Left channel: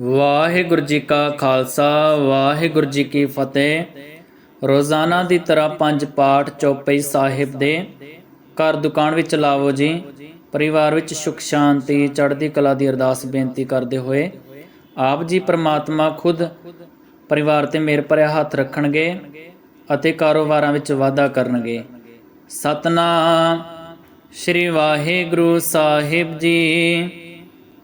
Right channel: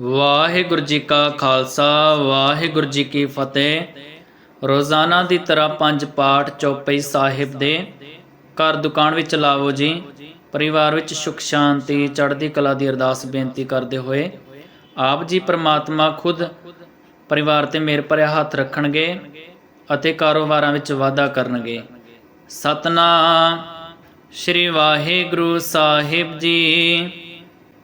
ਵਾਹਿਗੁਰੂ ਜੀ ਕਾ ਖਾਲਸਾ, ਵਾਹਿਗੁਰੂ ਜੀ ਕੀ ਫਤਿਹ। ਰੋਜ਼ਾਨਾ ਦੀ ਤਰ੍ਹਾਂ ਪੰਜ ਪਾਠ ਚੌਪਈ ਸਾਹਿਬ ਦੇ। ਘਰ ਦੁਕਾਨ ਵਿੱਚ ਲਾਵੋ ਜੀ। ਪਰਿਵਾਰ ਵਿੱਚ ਸੁਖ, ਸ਼ਾਂਤੀ, ਚੜ੍ਹਦੀ ਕਲਾ ਦੀ ਅਰਦਾਸ ਬੇਨਤੀ ਕਰਦੇ ਹੋਏ। ਆਪ ਜੀ ਪ੍ਰਮਾਤਮਾ ਖੁਦ ਪਰਿਵਾਰ ਤੇ ਮੇਰ ਭਰਿਆ ਹੱਥ ਰੱਖਣਗੇ ਅਤੇ ਕਾਰੋਬਾਰਾਂ ਵਿੱਚ ਵਾਧਾ ਕਰਨਗੇ। ਸਤਨਾਮ ਸ਼੍ਰੀ ਵਾਹਿਗੁਰੂ ਸਾਹਿਬ ਜੀ।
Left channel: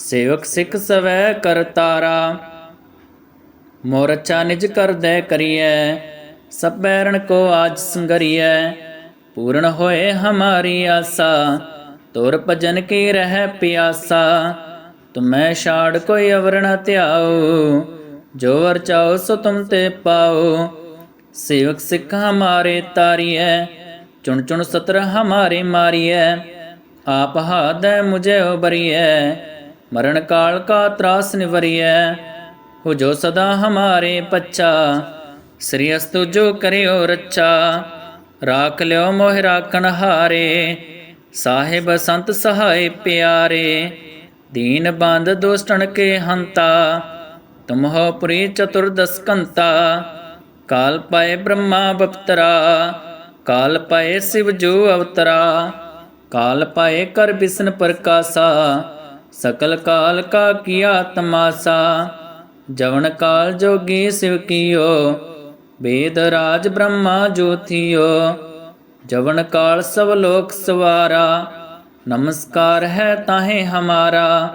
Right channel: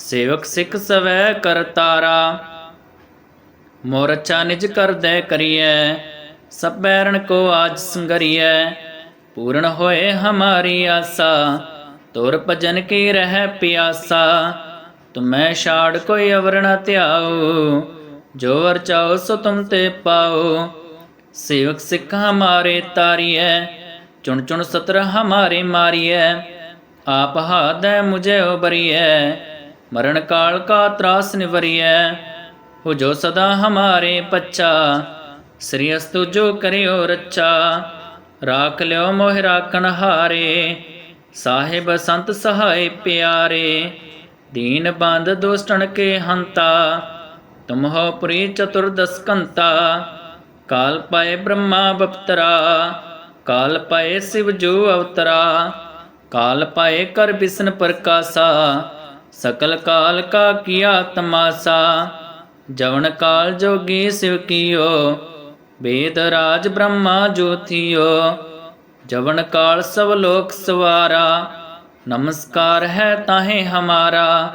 ਸੇਵਕ ਸਿੱਖ ਸਵੈ ਕਰਤਾਰਾ ਮੋਰ ਅੱਛਾ ਨਿਜ ਕਰਦੈ ਕਰੀਐ ਸਭ ਬੈਰਣ ਕੋ ਆਜ ਸੰਗਰੀਐ। ਪੂਰਨ ਹੋਏ ਹਮਾਰੀ ਆਸਾ, ਤੁਰ ਭਜਨ ਕੀ ਰਹਿ ਪਿਆਸਾ। ਤੁਮੈ ਛਾੜ ਕੋਈ ਅਵਰ ਨ ਧਿਆਓ, ਜੋ ਵਰ ਚਾਓ ਸੋ ਤੁਮ ਤੇ ਪਾਓ। ਸੇਵਕ ਸਿੱਖ ਹਮਾਰੇ ਤਾਰੀਐ, ਚੁਣ ਚੁਣ ਸਤਰ ਹਮਾਰੇ ਮਾਰੀਐ। ਆਪ ਹਾਦੈ ਮੁਝੇ ਉਬਰੀਐ ਮਰਨ ਕਾਲ ਕਾ ਤਰਾਸ ਨਿਵਰੀਐ, ਹੋ ਜੋ ਸਦਾ ਹਮਾਰੇ ਪੱਚਾ ਸ੍ਰੀ ਅਸਤੁ ਜੋ ਕਰਿਓ ਰੱਚਾ ਰਾਖ ਲਿਓ ਮੋਹਿ ਰਾਖਣ ਹਾਰੇ। ਸਾਹਿਬ ਸੰਤ ਸਹਾਇ ਪਿਆਰੇ, ਦੀਨ ਬੰਦ ਦੁਸ਼ਟਣ ਕੇ ਹੰਤਾ। ਤੁਮ ਹੋ ਪੁਰੀ ਚਤੁਰਦਸ ਕੰਤਾ, ਕਾਲ ਪਾਏ ਬ੍ਰਹਮਾ ਬਪਤਰਾ, ਕਾਲ ਪਾਏ ਸਿਵ ਜੋ ਅਵਤਰਾ। ਕਾਲ ਪਾਏ ਕਰ ਬਿਸਨ ਪ੍ਰਕਾਸਾ ਸਕਲ ਕਾਲ ਕਾ ਕੀਆ ਤਮਾਸਾ, ਜਵਨ ਕਾਲ ਜੋਗੀ ਸਿਵ ਕੀਓ, ਵੇਦ ਰਾਜ ਬ੍ਰਹਮਾ ਜੋਤੀਓ ਜਵਨ ਕਾਲ ਸਭ ਲੋਕ ਸਵਾਰਾ, ਨਮਸਕਾਰ ਹੈ ਤਾਹੇ ਹਮਾਰਾ।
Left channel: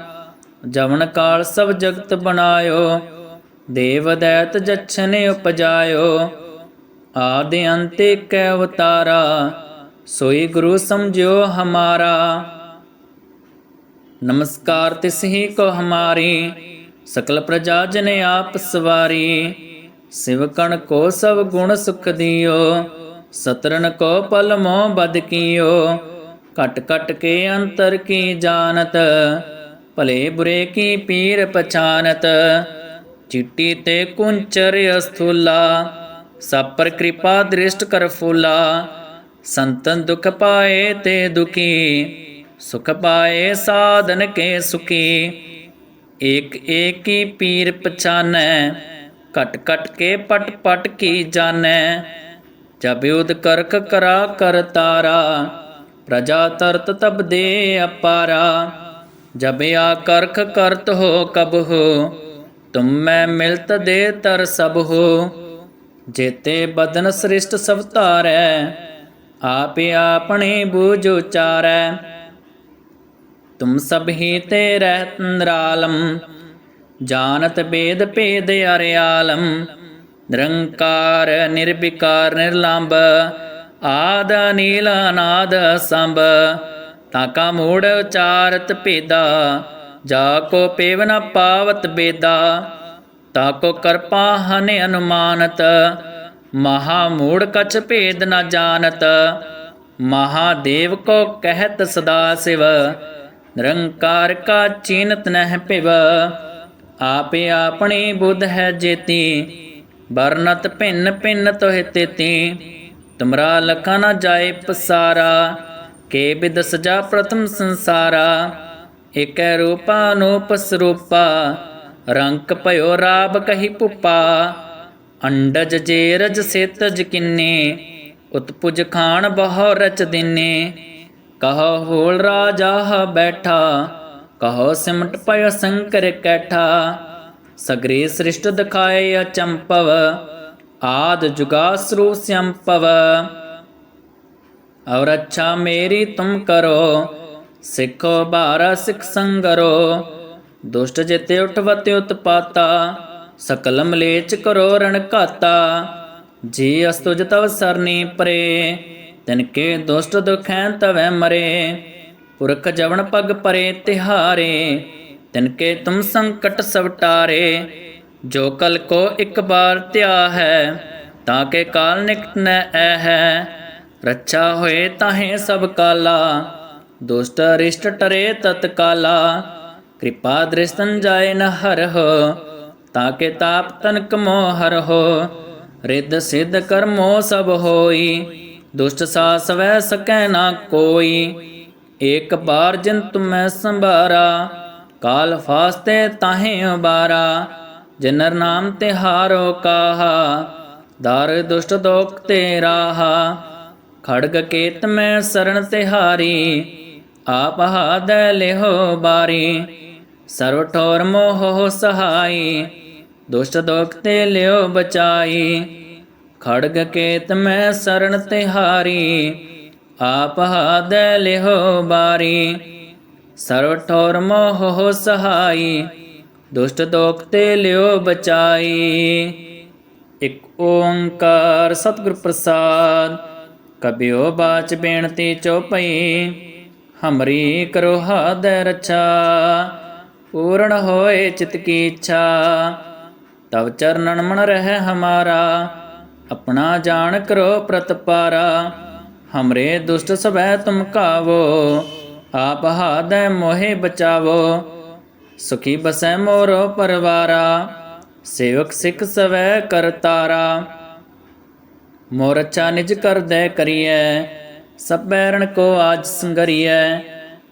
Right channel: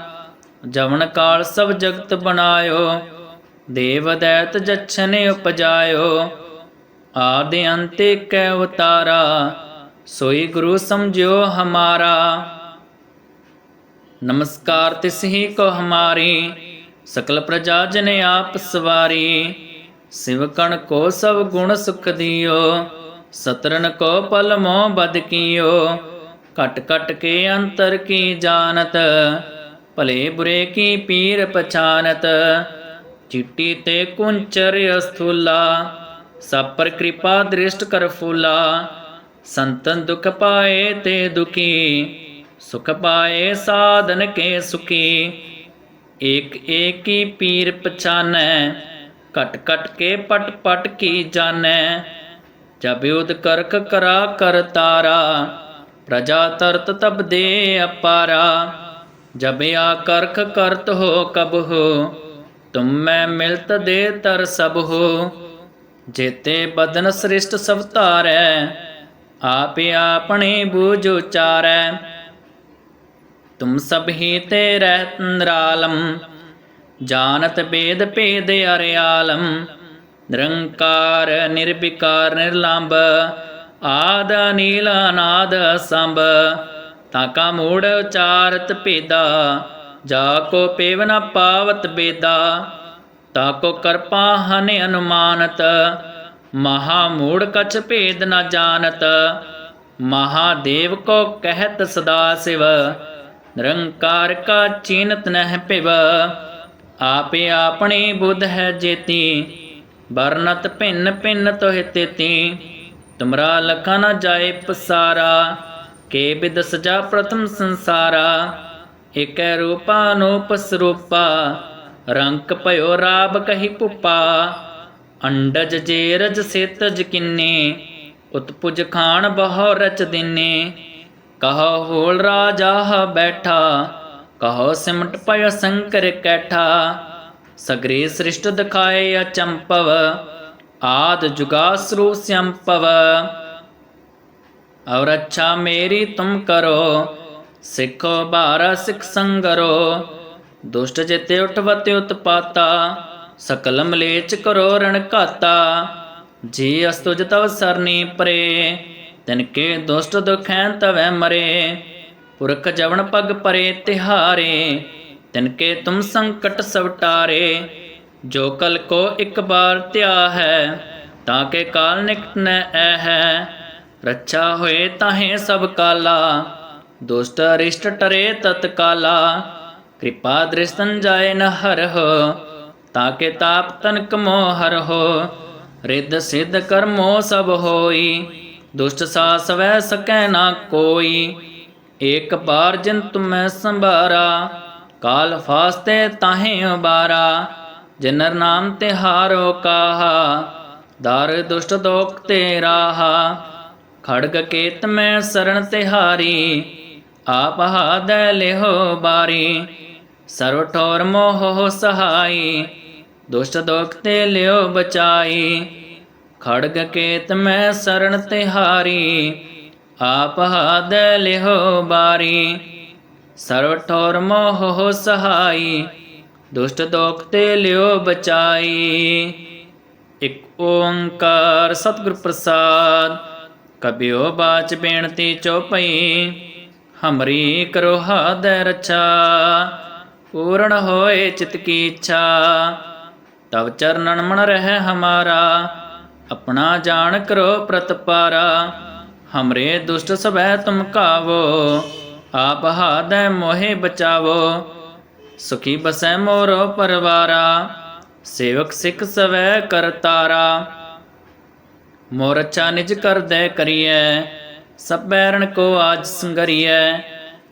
ਜਵਨ ਕਾਲ ਸਭ ਜਗਤ ਬਣਾਇਓ, ਦੇਵ ਦੈਤ ਜਛਨੇ ਉਪਜਾਇਓ। ਆਦਿ ਅੰਤੇ ਕੈ ਅਵਤਾਰਾ ਸੋਈ ਗੁਰੂ ਸਮਝਿਓ ਹਮਾਰਾ। ਨਮਸਕਾਰ ਤਿਸ ਕੋ ਹਮਾਰੀ, ਸਕਲ ਪ੍ਰਜਾ ਜਨ ਆਪ ਸਵਾਰੀ। ਸਿਵਕਣ ਕੋ ਸਭ ਗੁਣ ਸੁਖ ਦਿਓ ਸਤਰਨ ਕੋ ਪਲ ਮੋਹ ਬਦ ਕੀਓ। ਕਟ ਕਟ ਕੇ ਅੰਤਰ ਕੀ ਜਾਣਤ, ਭਲੇ ਬੁਰੇ ਕੀ ਪੀਰ ਪਛਾਨਤ। ਚਿੱਟੀ ਤੇ ਕੁੰਚਰ ਅਸਥੂਲਾ, ਸਭ ਪਰ ਕਿਰਪਾ ਦ੍ਰਿਸ਼ਟ ਕਰ ਫੂਲਾ। ਸੰਤਨ ਦੁਖ ਪਾਏ ਤੇ ਦੁਖੀ ਸੁਖ ਪਾਏ ਸਾਧਨ ਕੇ ਸੁਖੀ। ਏਕ ਏਕੀ ਪੀਰ ਪਛਾਨੈ ਕਟ ਕਟ ਕੇ ਪਟ ਪਟ ਕੀ ਜਾਣੈ। ਜਬ ਉਦ ਕਰਕ ਕਰਾ ਕਰ ਤਾਰਾ, ਪ੍ਰਜਾ ਤਰਤ ਤਬ ਦੇ ਅਪਾਰਾ। ਜਬ ਆ ਕਰਖ ਕਰਤ ਹੋ ਕਬ ਹੋ, ਤੁਮ ਮੈਂ ਮਿਲਤ ਦੇ ਤਰ ਸਭ ਹੋ। ਜੇਤੇ ਬਦਨ ਸ੍ਰਿਸ਼ਟ ਸਭ ਧਾਰੈ ਆਪੇ ਆਪਣੇ ਬੂਝ ਉਚਾਰੈ। ਤੁਮ ਸਭ ਹੀ ਤੇ ਰਹਿਤ ਨਿਰਾਲਮ, ਜਾਣਤ ਬੇਦ ਭੇਦ ਨਿਰੰਕਾਰ ਨਿਰਵਿਕਾਰ ਨਿਰਲੰਭ, ਆਦ ਨੀਲ ਅਨਾਦ ਸੰਭ ਤਾਕਾ ਮੂੜ ਉਚਾਰਤ ਭੇਦਾ, ਜਾ ਕੋ ਪੇਵ ਨ ਪਾਵਤ ਬੇਦਾ ਤਾਕੋ ਕਰਪਾ ਹਨ ਅਨੁਮਾਨਤ, ਮਹਾ ਮੂੜ ਕਛ ਭੇਦ ਨ ਜਾਣਤ ਮਹਾਦੇਵ ਕੋ ਕਹਿਤ ਸਦਾ ਸਿਵ ਨਿਰੰਕਾਰ ਕਾ ਚੀਨਤ ਨਹਿ ਪਿਵ ਆਪੇ ਆਪਣੀ ਬੁੱਧ ਹੈ ਜੇਤੀ, ਵਰਨਤ ਭਿੰਨ ਭਿੰਨ ਤੋਹਿ ਤੇਤੀ। ਤੁਮਰਾ ਲਖਾ ਨ ਜਾਏ ਪਸਾਰਾ, ਕੇ ਬਿਦ ਸਜਾ ਪ੍ਰਥਮ ਸੰਸਾਰਾ। ਇਕੈ ਰੂਪਾ ਅਨੂਪ ਸਰੂਪਾ, ਰੰਕ ਭਇਓ ਰਾਬ ਕਹੀ ਪੁਪਾ। ਅੰਡਜ ਜੇਰਜ ਸੇਤਜ ਕਿੰਨੇ, ਉਤਪੁਜ ਖਾਨ ਬਹੁ ਰਚ ਦਿਨੇ। ਕਹੋ ਹੋਲ ਰਾਜਾ ਬੈਠਾ ਕਹੋ ਸਿਮਟ ਪਇ ਸੰਕਰ ਕੈਠਾ ਸਗਰੇ ਸ੍ਰਿਸ਼ਟ ਦਿਖਾਏ ਅਚੰਪਵ ਆਦ ਜੁਗਾਸਰੂ ਸੰਪਵ ਔਰ ਅੱਛਾ ਮੇਰੀ ਤੁਮ ਕਰੋ ਸਿੱਖੋ ਬਾਰਾ ਸਿੱਖ ਸੰਗਰੋ ਦੁਸ਼ਟ ਜਿਤੇ ਉਠਵਤੇ ਉਤਪਾਤਾ ਸਕਲ ਮਲੇਚ ਕਰੋ ਰਣ ਘਾਤਾ ਜੀ ਅਸਤੁਜ ਤਵ ਸਰਨੀ ਪਰੇ ਤਿਨ ਕੇ ਦੁਸ਼ਟ ਦੁਖੈ ਤਵੈ ਮਰੇ, ਪੁਰਖ ਜਵਨ ਪਗ ਪਰੇ ਤਿਹਾਰੇ, ਤਿਨ ਕੇ ਤੁਮ ਸੰਕਟ ਸਵਟਾਰੇ ਜੋ ਕਲ ਕੋ ਇੱਕ ਬਾਰ ਧਿਆ ਹੈ, ਤਾਂ ਕੇ ਕਾਲ ਨਿਕਟ ਨ ਐ ਹੈ, ਰੱਛਾ ਹੋਏ ਤਾਹੇ ਸਭ ਕਾਲਾ, ਦੁਸ਼ਟ ਅਰਿਸ਼ਟ ਟਰੇ ਤਤਕਾਲਾ, ਕਿਰਪਾ ਦ੍ਰਿਸ਼ਤਨ ਜਾਏ ਨ ਹਰਹੁ ਤਾਂ ਕੇ ਤਾਪ ਤਨਕ ਮੋਹ ਹਰਹੁ ਰਿੱਧ ਸਿੱਧ ਕਰਮੋ ਸਭ ਹੋਈ। ਦੁਸ਼ਟ ਸਾਸ ਸਕੈ ਨਾ ਕੋਈ। ਏਕ ਬਾਰ ਜਿਨ ਤੁਮੈ ਸੰਭਾਰਾ, ਕਾਲ ਫਾਸਤੇ ਤਾਹੇ ਉਬਾਰਾ। ਜਨਰ ਨਾਮ ਤੇ ਹਾਰੋ ਕਾਹਾ, ਦਰ ਦੁਸ਼ਟ ਦੋਖ ਤੇ ਰਾਹਾ। ਖੜਗ ਕੇਤ ਮੈਂ ਸਰਣ ਤਿਹਾਰੀ ਆਪ ਹਾਦੈ ਲਿਹੋ ਬਾਰੀ। ਸਰਵ ਠੋਰ ਮੋਹ ਸਹਾਈ, ਦੁਸ਼ਟ ਦੋਖ ਤੇ ਲਿਓ ਬਚਾਈ। ਖੜਗ ਕੇਤ ਮੈਂ ਸਰਣ ਤਿਹਾਰੀ, ਆਪ ਹਾਦੈ ਲਿਹੋ ਬਾਰੀ। ਸਰਵ ਠੋਰ ਮੋਹ ਸਹਾਈ, ਦੁਸ਼ਟ ਦੋਖ ਤੇ ਲਿਓ ਬਚਾਈ। ਇਕ ਓੰਕਾਰ ਸਤਿਗੁਰ ਪ੍ਰਸਾਦ ਕਬਿਓ ਬਾਚ ਬੇਨਤੀ ਚੋਪਈ ਹਮਰੀ ਕਰੋ ਹਾਦੈ ਰਛਾ। ਪੂਰਨ ਹੋਏ ਚਿਤ ਕੀ ਇੱਛਾ, ਤਵ ਚਰਨਨ ਮਨ ਰਹਿ ਹਮਾਰਾ। ਆਪਣਾ ਜਾਣ ਕਰੋ ਪ੍ਰਤਪਾਰਾ, ਹਮਰੇ ਦੁਸ਼ਟ ਸਭੈ ਤੁਮ ਕਾਵੋ, ਆਪ ਹਾਦੈ ਮੋਹਿ ਬਚਾਵੋ। ਸੁਖੀ ਬਸੈ ਮੋਰੋ ਪਰਵਾਰਾ, ਸੇਵਕ ਸਿੱਖ ਸਵੈ ਕਰਤਾਰਾ ਮੋਰ ਅੱਛਾ ਨਿਜ ਕਰਦੈ ਕਰੀਐ, ਸਭ ਬੈਰਣ ਕੋ ਆਜ ਸੰਗਰੀਐ।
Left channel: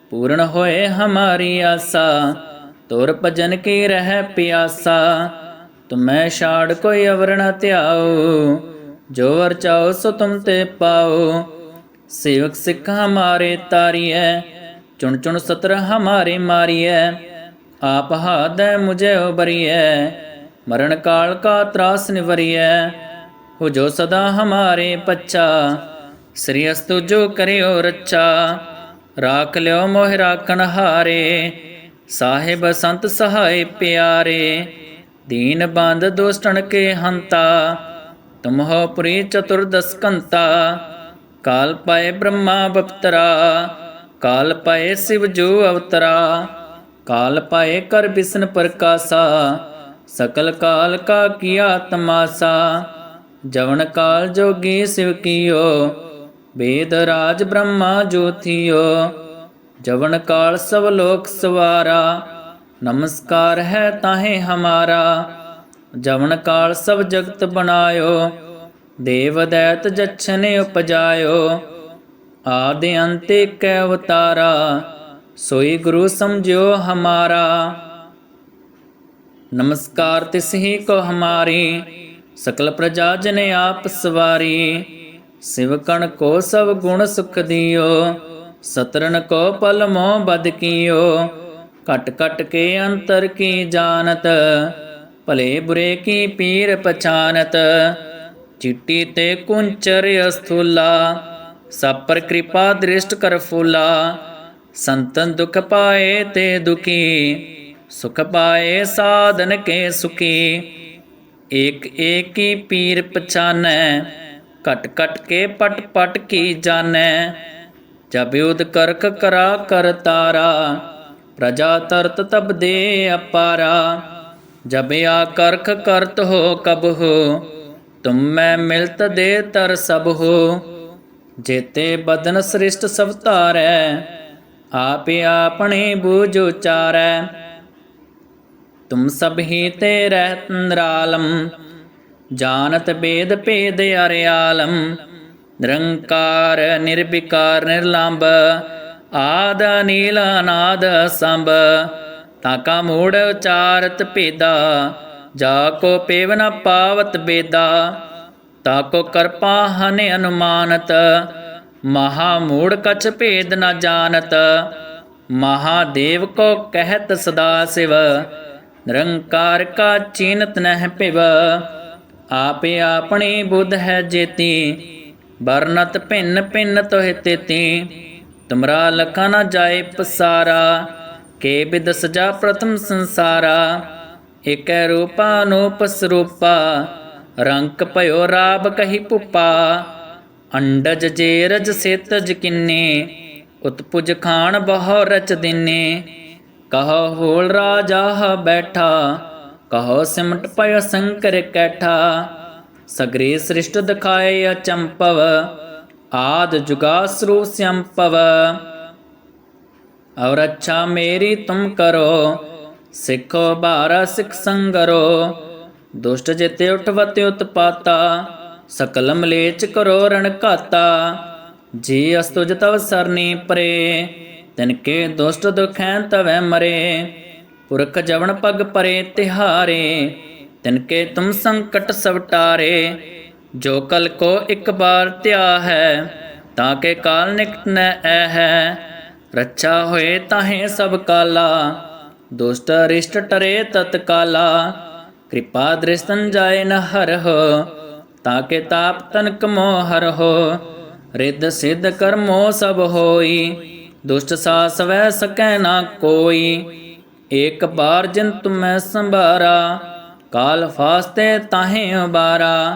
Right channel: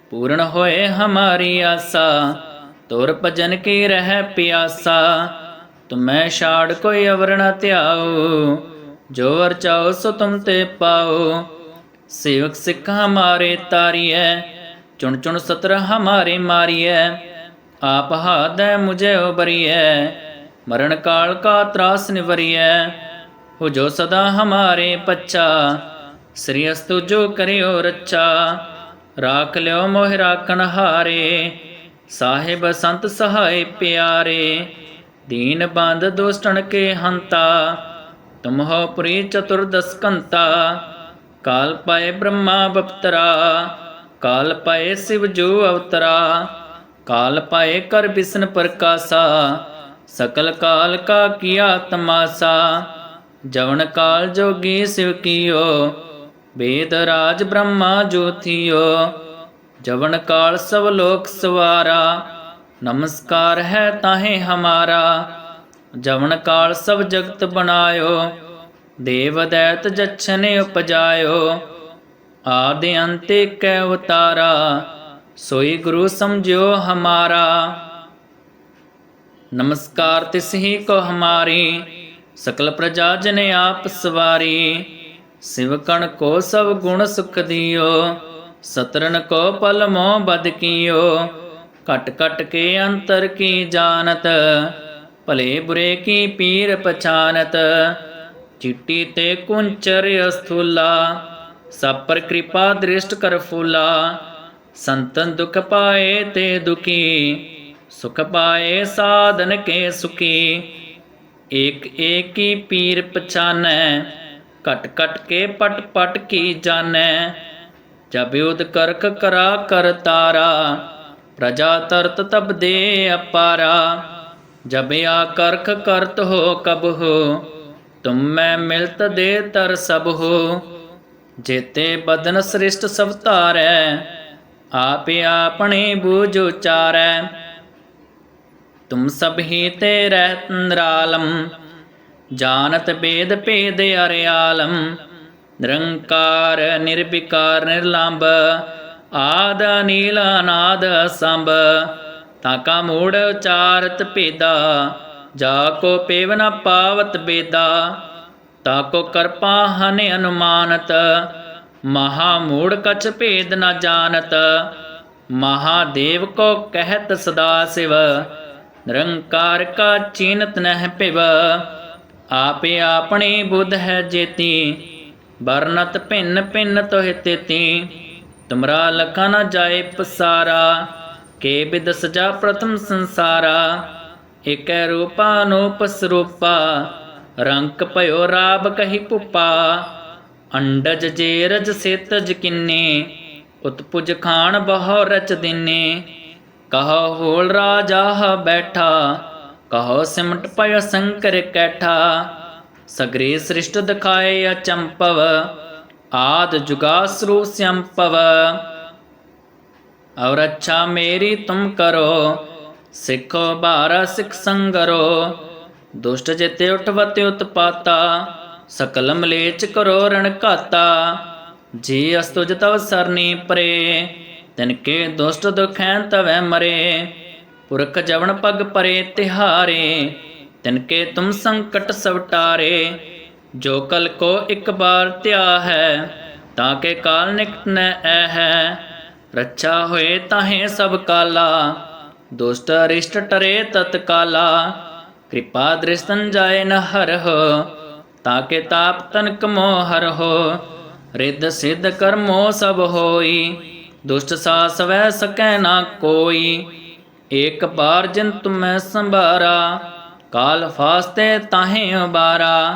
ਪੂਰਨ ਹੋਏ ਹਮਾਰੀ ਆਸਾ, ਤੁਰ ਭਜਨ ਕੀ ਰਹਿ ਪਿਆਸਾ। ਤੁਮੈ ਛਾੜ ਕੋਈ ਅਵਰ ਨ ਧਿਆਓ ਜੋ ਵਰ ਚਾਓ ਸੋ ਤੁਮ ਤੇ ਪਾਓ ਸੇਵਕ ਸਿੱਖ ਹਮਾਰੇ ਤਾਰੀਐ, ਚੁਣ ਚੁਣ ਸਤਰ ਹਮਾਰੇ ਮਾਰੀਐ। ਆਪ ਹਾਦੈ ਮੁਝੇ ਉਬਰੀਐ ਮਰਨ ਕਾਲ ਕਾ ਤਰਾਸ ਨਿਵਰੀਐ। ਹੋ ਜੋ ਸਦਾ ਹਮਾਰੇ ਪੱਛਾ ਸ੍ਰੀ ਅਸਤੁ ਜੋ ਕਰਿਓ ਰੱਛਾ। ਰਾਖ ਲਿਓ ਮੋਹਿ ਰਾਖਣ ਹਾਰੇ, ਸਾਹਿਬ ਸੰਤ ਸਹਾਇ ਪਿਆਰੇ। ਦੀਨ ਬੰਦ ਦੁਸ਼ਟਣ ਕੇ ਹੰਤਾ ਤੁਮ ਪੁਰੀ ਚਤੁਰਦਸ ਕੰਤਾ। ਕਾਲ ਪਾਏ ਬ੍ਰਹਮਾ ਬਪਤਰਾ, ਕਾਲ ਪਾਏ ਸਿਵ ਜੋ ਅਵਤਰਾ। ਕਾਲ ਪਾਏ ਕਰ ਬਿਸਨ ਪ੍ਰਕਾਸਾ, ਸਕਲ ਕਾਲ ਕਾ ਕੀਆ ਤਮਾਸਾ। ਜਵਨ ਕਾਲ ਜੋਗੀ ਸਿਵ ਕੀਓ, ਵੇਦ ਰਾਜ ਬ੍ਰਹਮਾ ਜੋਤੀਓ। ਜਵਨ ਕਾਲ ਸਭ ਲੋਕ ਸਵਾਰਾ ਨਮਸਕਾਰ ਹੈ ਤਾਹੇ ਹਮਾਰਾ, ਜਵਨ ਕਾਲ ਸਭ ਜਗਤ ਬਣਾਇਓ, ਦੇਵ ਦੈਤ ਜਛਨ ਉਪਜਾਇਓ, ਆਦਿ ਅੰਤੇ ਕੈ ਅਵਤਾਰਾ, ਸੋਈ ਗੁਰੂ ਸਮਝਿਓ ਹਮਾਰਾ। ਨਮਸਕਾਰ ਤਿਸ ਹੀ ਕੋ ਹਮਾਰੀ, ਸਕਲ ਪ੍ਰਜਾ ਜਨ ਆਪ ਸਵਾਰੀ, ਸਿਵਕਣ ਕੋ ਸਭ ਗੁਣ ਸੁਖ ਦਿਓ ਸਤਰਨ ਕੋ ਪਲ ਮੋਹ ਬਦ ਕੀਓ। ਕਟ ਕਟ ਕੇ ਅੰਤਰ ਕੀ ਜਾਣਤ ਭਲੇ ਬੁਰੇ ਕੀ ਪੀਰ ਪਛਾਨਤ ਚਿੱਟੀ ਤੇ ਕੁੰਚਰ ਅਸਥੂਲਾ ਸਭ ਪਰ ਕਿਰਪਾ ਦ੍ਰਿਸ਼ਟ ਕਰ ਫੂਲਾ ਸੰਤਨ ਦੁਖ ਪਾਏ ਤੇ ਦੁਖੀ ਸੁਖ ਪਾਏ ਸਾਧਨ ਕੇ ਸੁਖੀ ਏਕ ਏਕ ਹੀ ਪੀਰ ਪਛਾਨੈ ਕਟ ਕਟ ਕੇ ਪਟ ਪਟ ਕੀ ਜਾਣੈ ਜਬ ਉਦ ਕਰਕ ਕਰਾ ਕਰ ਤਾਰਾ ਪ੍ਰਜਾ ਤਰਤ ਤਬ ਦੇ ਅਪਾਰਾ, ਜਬ ਆ ਕਰਖ ਕਰਤ ਹੋ ਕਬ ਹੋ, ਤੁਮ ਮੈਂ ਮਿਲਤ ਦੇ ਤਰ ਸਭ ਹੋ। ਜੇਤੇ ਬਦਨ ਸ੍ਰਿਸ਼ਟ ਸਭ ਧਾਰੈ, ਆਪੇ ਆਪਣੇ ਬੂਝ ਉਚਾਰੈ। ਤੁਮ ਸਭ ਹੀ ਤੇ ਰਹਿਤ ਨਿਰਾਲਮ, ਜਾਣਤ ਬੇਦ ਭੇਦ ਅਰਿਆਲਮ। ਨਿਰੰਕਾਰ, ਨਿਰਵਿਕਾਰ ਨਿਰਲੰਭ ਆਦ ਨੀਲ ਅਨਾਦ ਸੰਭ ਤਾਕਾ ਮੂੜ ਉਚਾਰਤ ਭੇਦਾ, ਜਾ ਕੋ ਪੇਵ ਨ ਪਾਵਤ ਬੇਦਾ ਤਾਕੋ ਕਰਪਾ ਹਨ ਅਨੁਮਾਨਤ, ਮਹਾ ਮੂੜ ਕਛ ਭੇਦ ਨ ਜਾਣਤ ਮਹਾਦੇਵ ਕੋ ਕਹਿਤ ਸਦਾ ਸਿਵ, ਨਿਰੰਕਾਰ ਕਾ ਚੀਨਤ ਨਹਿ ਪਿਵ ਆਪੇ ਆਪਣੀ ਬੁੱਧ ਹੈ ਜੇਤੀ, ਵਰਨਤ ਭਿੰਨ ਭਿੰਨ ਤੋਹਿ ਤੇਤੀ। ਤੁਮਰਾ ਲਖਾ ਨਾ ਜਾਏ ਪਸਾਰਾ, ਕੇ ਬਿਦ ਸਜਾ ਪ੍ਰਥਮ ਸੰਸਾਰਾ। ਏਕੈ ਰੂਪਾ ਅਨੂਪ ਸਰੂਪਾ ਰੰਕ ਭਇਓ ਰਾਬ ਕਹੀ ਪੁਪਾ। ਅੰਡਜ ਜੇ ਰਜ ਸੇਤਜ ਕਿੰਨੇ, ਉਤਪੁਜ ਖਾਨ ਬਹੁ ਰਚ ਦਿਨੇ। ਕਹੋ ਹੋਲ ਰਾਜਾ ਬੈਠਾ, ਕਹੋ ਸਿਮਟ ਪਇ ਸੰਕਰ ਕੈਠਾ। ਸਗਰੇ ਸ੍ਰਿਸ਼ਟ ਦਿਖਾਏ ਅਚੰਪਵ ਆਦ ਜੁਗਾਸਰੂ ਸੰਪਵ। ਔਰ ਅੱਛਾ ਮੇਰੀ ਤੁਮ ਕਰੋ, ਸਿੱਖੋ ਬਾਰਾ ਸਿੱਖ ਸੰਗਰੋ। ਦੁਸ਼ਟ ਜਿਤੇ ਉਠਵਤੇ ਉਤਪਾਤਾ, ਸਕਲ ਮਲੇਚ ਕਰੋ ਰਣ ਘਾਤਾ। ਜੀ ਅਸਤੁਜ ਤਵ ਸਰਨੀ ਪਰੇ, ਤਿਨ ਕੇ ਦੁਸ਼ਟ ਦੁਖੈ ਤਵੈ ਮਰੇ। ਪੁਰਖ ਜਵਨ ਪਗ ਪਰੇ ਤਿਹਾਰੇ, ਤਿਨ ਕੇ ਤੁਮ ਸੰਕਟ ਸਵਟਾਰੇ। ਜੋ ਕਲ ਕੋ ਇੱਕ ਬਾਰ ਧਿਆ ਹੈ, ਤਾਂ ਕੇ ਕਾਲ ਨਿਕਟ ਨ ਐ ਹੈ ਰੱਛਾ ਹੋਏ ਤਾਹੇ ਸਭ ਕਾਲਾ, ਦੁਸ਼ਟ ਅਰਿਸ਼ਟ ਟਰੇ ਤਤਕਾਲਾ ਕਿਰਪਾ ਦ੍ਰਿਸ਼ਤਨ ਜਾਏ ਨ ਹਰਹੁ, ਤਾਂ ਕੇ ਤਾਪ ਤਨਕ ਮੋਹ ਹਰਹੁ। ਰਿੱਧ ਸਿੱਧ ਕਰਮੋ ਸਭ ਹੋਈ, ਦੁਸ਼ਟ ਸਾਸ ਵੈ ਸਕੈ ਨਾ ਕੋਈ। ਏਕ ਬਾਰ ਜਿਨ ਤੁਮੈ ਸੰਭਾਰਾ, ਕਾਲ ਫਾਸਤੇ ਤਾਹੇ ਉਬਾਰਾ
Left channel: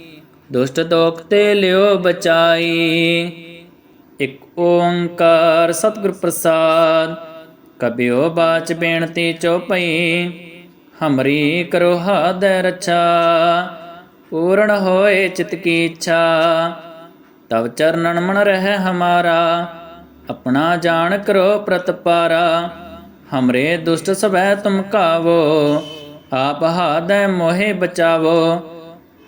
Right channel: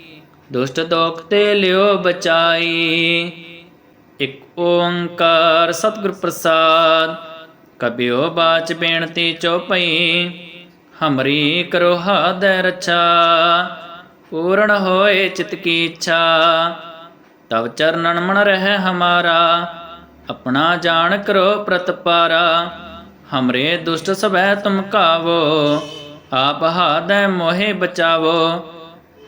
ਦੁਸ਼ਟ ਦੋਖ ਤੇ ਲਿਓ ਬਚਾਈ। ਇਕ ਓੰਕਾਰ ਸਤਿਗੁਰ ਪ੍ਰਸਾਦ, ਕਬਿਓ ਬਾਚ ਬੇਨਤੀ ਚੋਪਈ ਹਮਰੀ ਕਰੋ ਹਾਦੈ ਰਛਾ, ਪੂਰਨ ਹੋਏ ਚਿਤ ਕੀ ਇੱਛਾ। ਤਵ ਚਰਨਨ ਮਨ ਰਹਿ ਹਮਾਰਾ, ਆਪਣਾ ਜਾਣ ਕਰੋ ਪ੍ਰਤਪਾਰਾ ਹਮਰੇ ਦੁਸ਼ਟ ਸਭੈ ਤੁਮ ਕਾਵੋ, ਆਪ ਹਾਦੈ ਮੋਹਿ ਬਚਾਵੋ।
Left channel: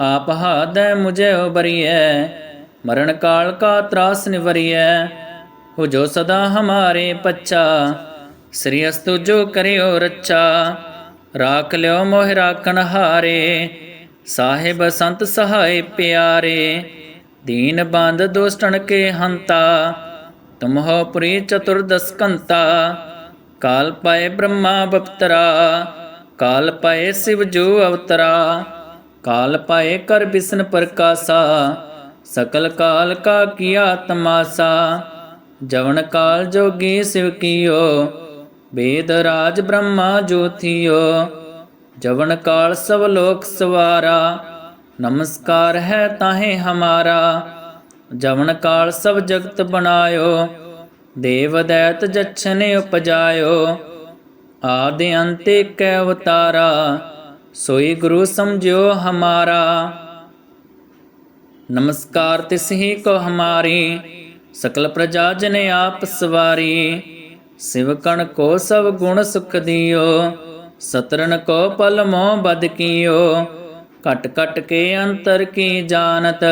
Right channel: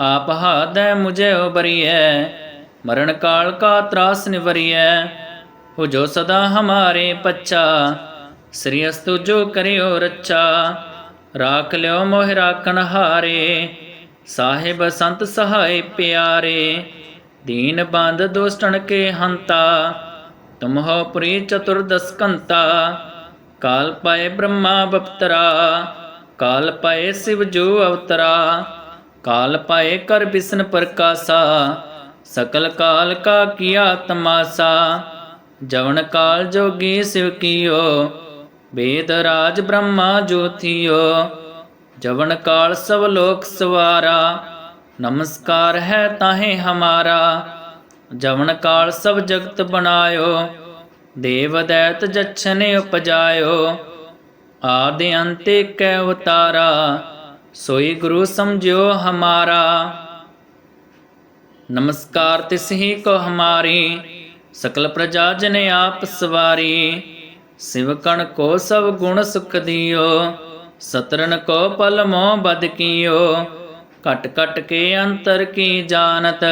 ਆਪ ਹਾਦੈ ਮੁਝੇ ਉਬਰੀਐ, ਮਰਨ ਕਾਲ ਕਾ ਤਰਾਸ ਨਿਵਰੀਐ। ਹੋ ਜੋ ਸਦਾ ਹਮਾਰੇ ਪੱਛਾ, ਸ੍ਰੀ ਅਸਤੁ ਜੋ ਕਰਿਓ ਰਾਖ ਲਿਓ ਮੋਹਿ ਰਾਖਣ ਹਾਰੇ, ਸਾਹਿਬ ਸੰਤ ਸਹਾਇ ਪਿਆਰੇ। ਦੀਨ ਬੰਦ ਦੋਸਟਣ ਕੇ ਹੰਤਾ, ਤੁਮ ਹੋ ਪੁਰੀ ਚਤੁਰਦਸ ਕੰਤਾ ਕਾਲ ਪਾਏ ਬ੍ਰਹਮਾ ਬਪਤਰਾ, ਕਾਲ ਪਾਏ ਸਿਵ ਜੋ ਅਵਤਰਾ। ਕਾਲ ਪਾਏ ਕਰ ਬਿਸਨ ਪ੍ਰਕਾਸਾ, ਸਕਲ ਕਾਲ ਕਾ ਕੀਆ ਤਮਾਸਾ। ਜਵਨ ਕਾਲ ਜੋਗੀ ਸਿਵ ਕੀਓ ਵੇਦ ਰਾਜ ਬ੍ਰਹਮਾ ਜੋਤੀਓ ਜਵਨ ਕਾਲ ਸਭ ਲੋਕ ਸਵਾਰਾ, ਨਮਸਕਾਰ ਹੈ ਤਾਹੇ ਹਮਾਰਾ। ਜਵਨ ਕਾਲ ਸਭ ਜਗਤ ਬਣਾਇਓ, ਦੇਵ ਦੈਤ ਜਛਨ ਉਪਜਾਇਓ। ਆਦਿ ਅੰਤੇ ਕੈ ਅਵਤਾਰਾ। ਸੋਈ ਗੁਰੂ ਸਮਝਿਓ ਹਮਾਰਾ। ਨਮਸਕਾਰ ਤਿਸ ਹੀ ਕੋ ਹਮਾਰੀ, ਸਕਲ ਪ੍ਰਜਾ ਜਨ ਆਪ ਸਵਾਰੀ। ਸਿਵ ਕੋ ਸਭ ਗੁਣ ਸੁਖ ਦਿਓ ਸਤਰਨ ਕੋ ਪਲ ਮੋ ਬਦ ਕੀਓ। ਕਟ ਕਟ ਕੇ ਅੰਤਰ ਕੀ ਜਾਣਤ,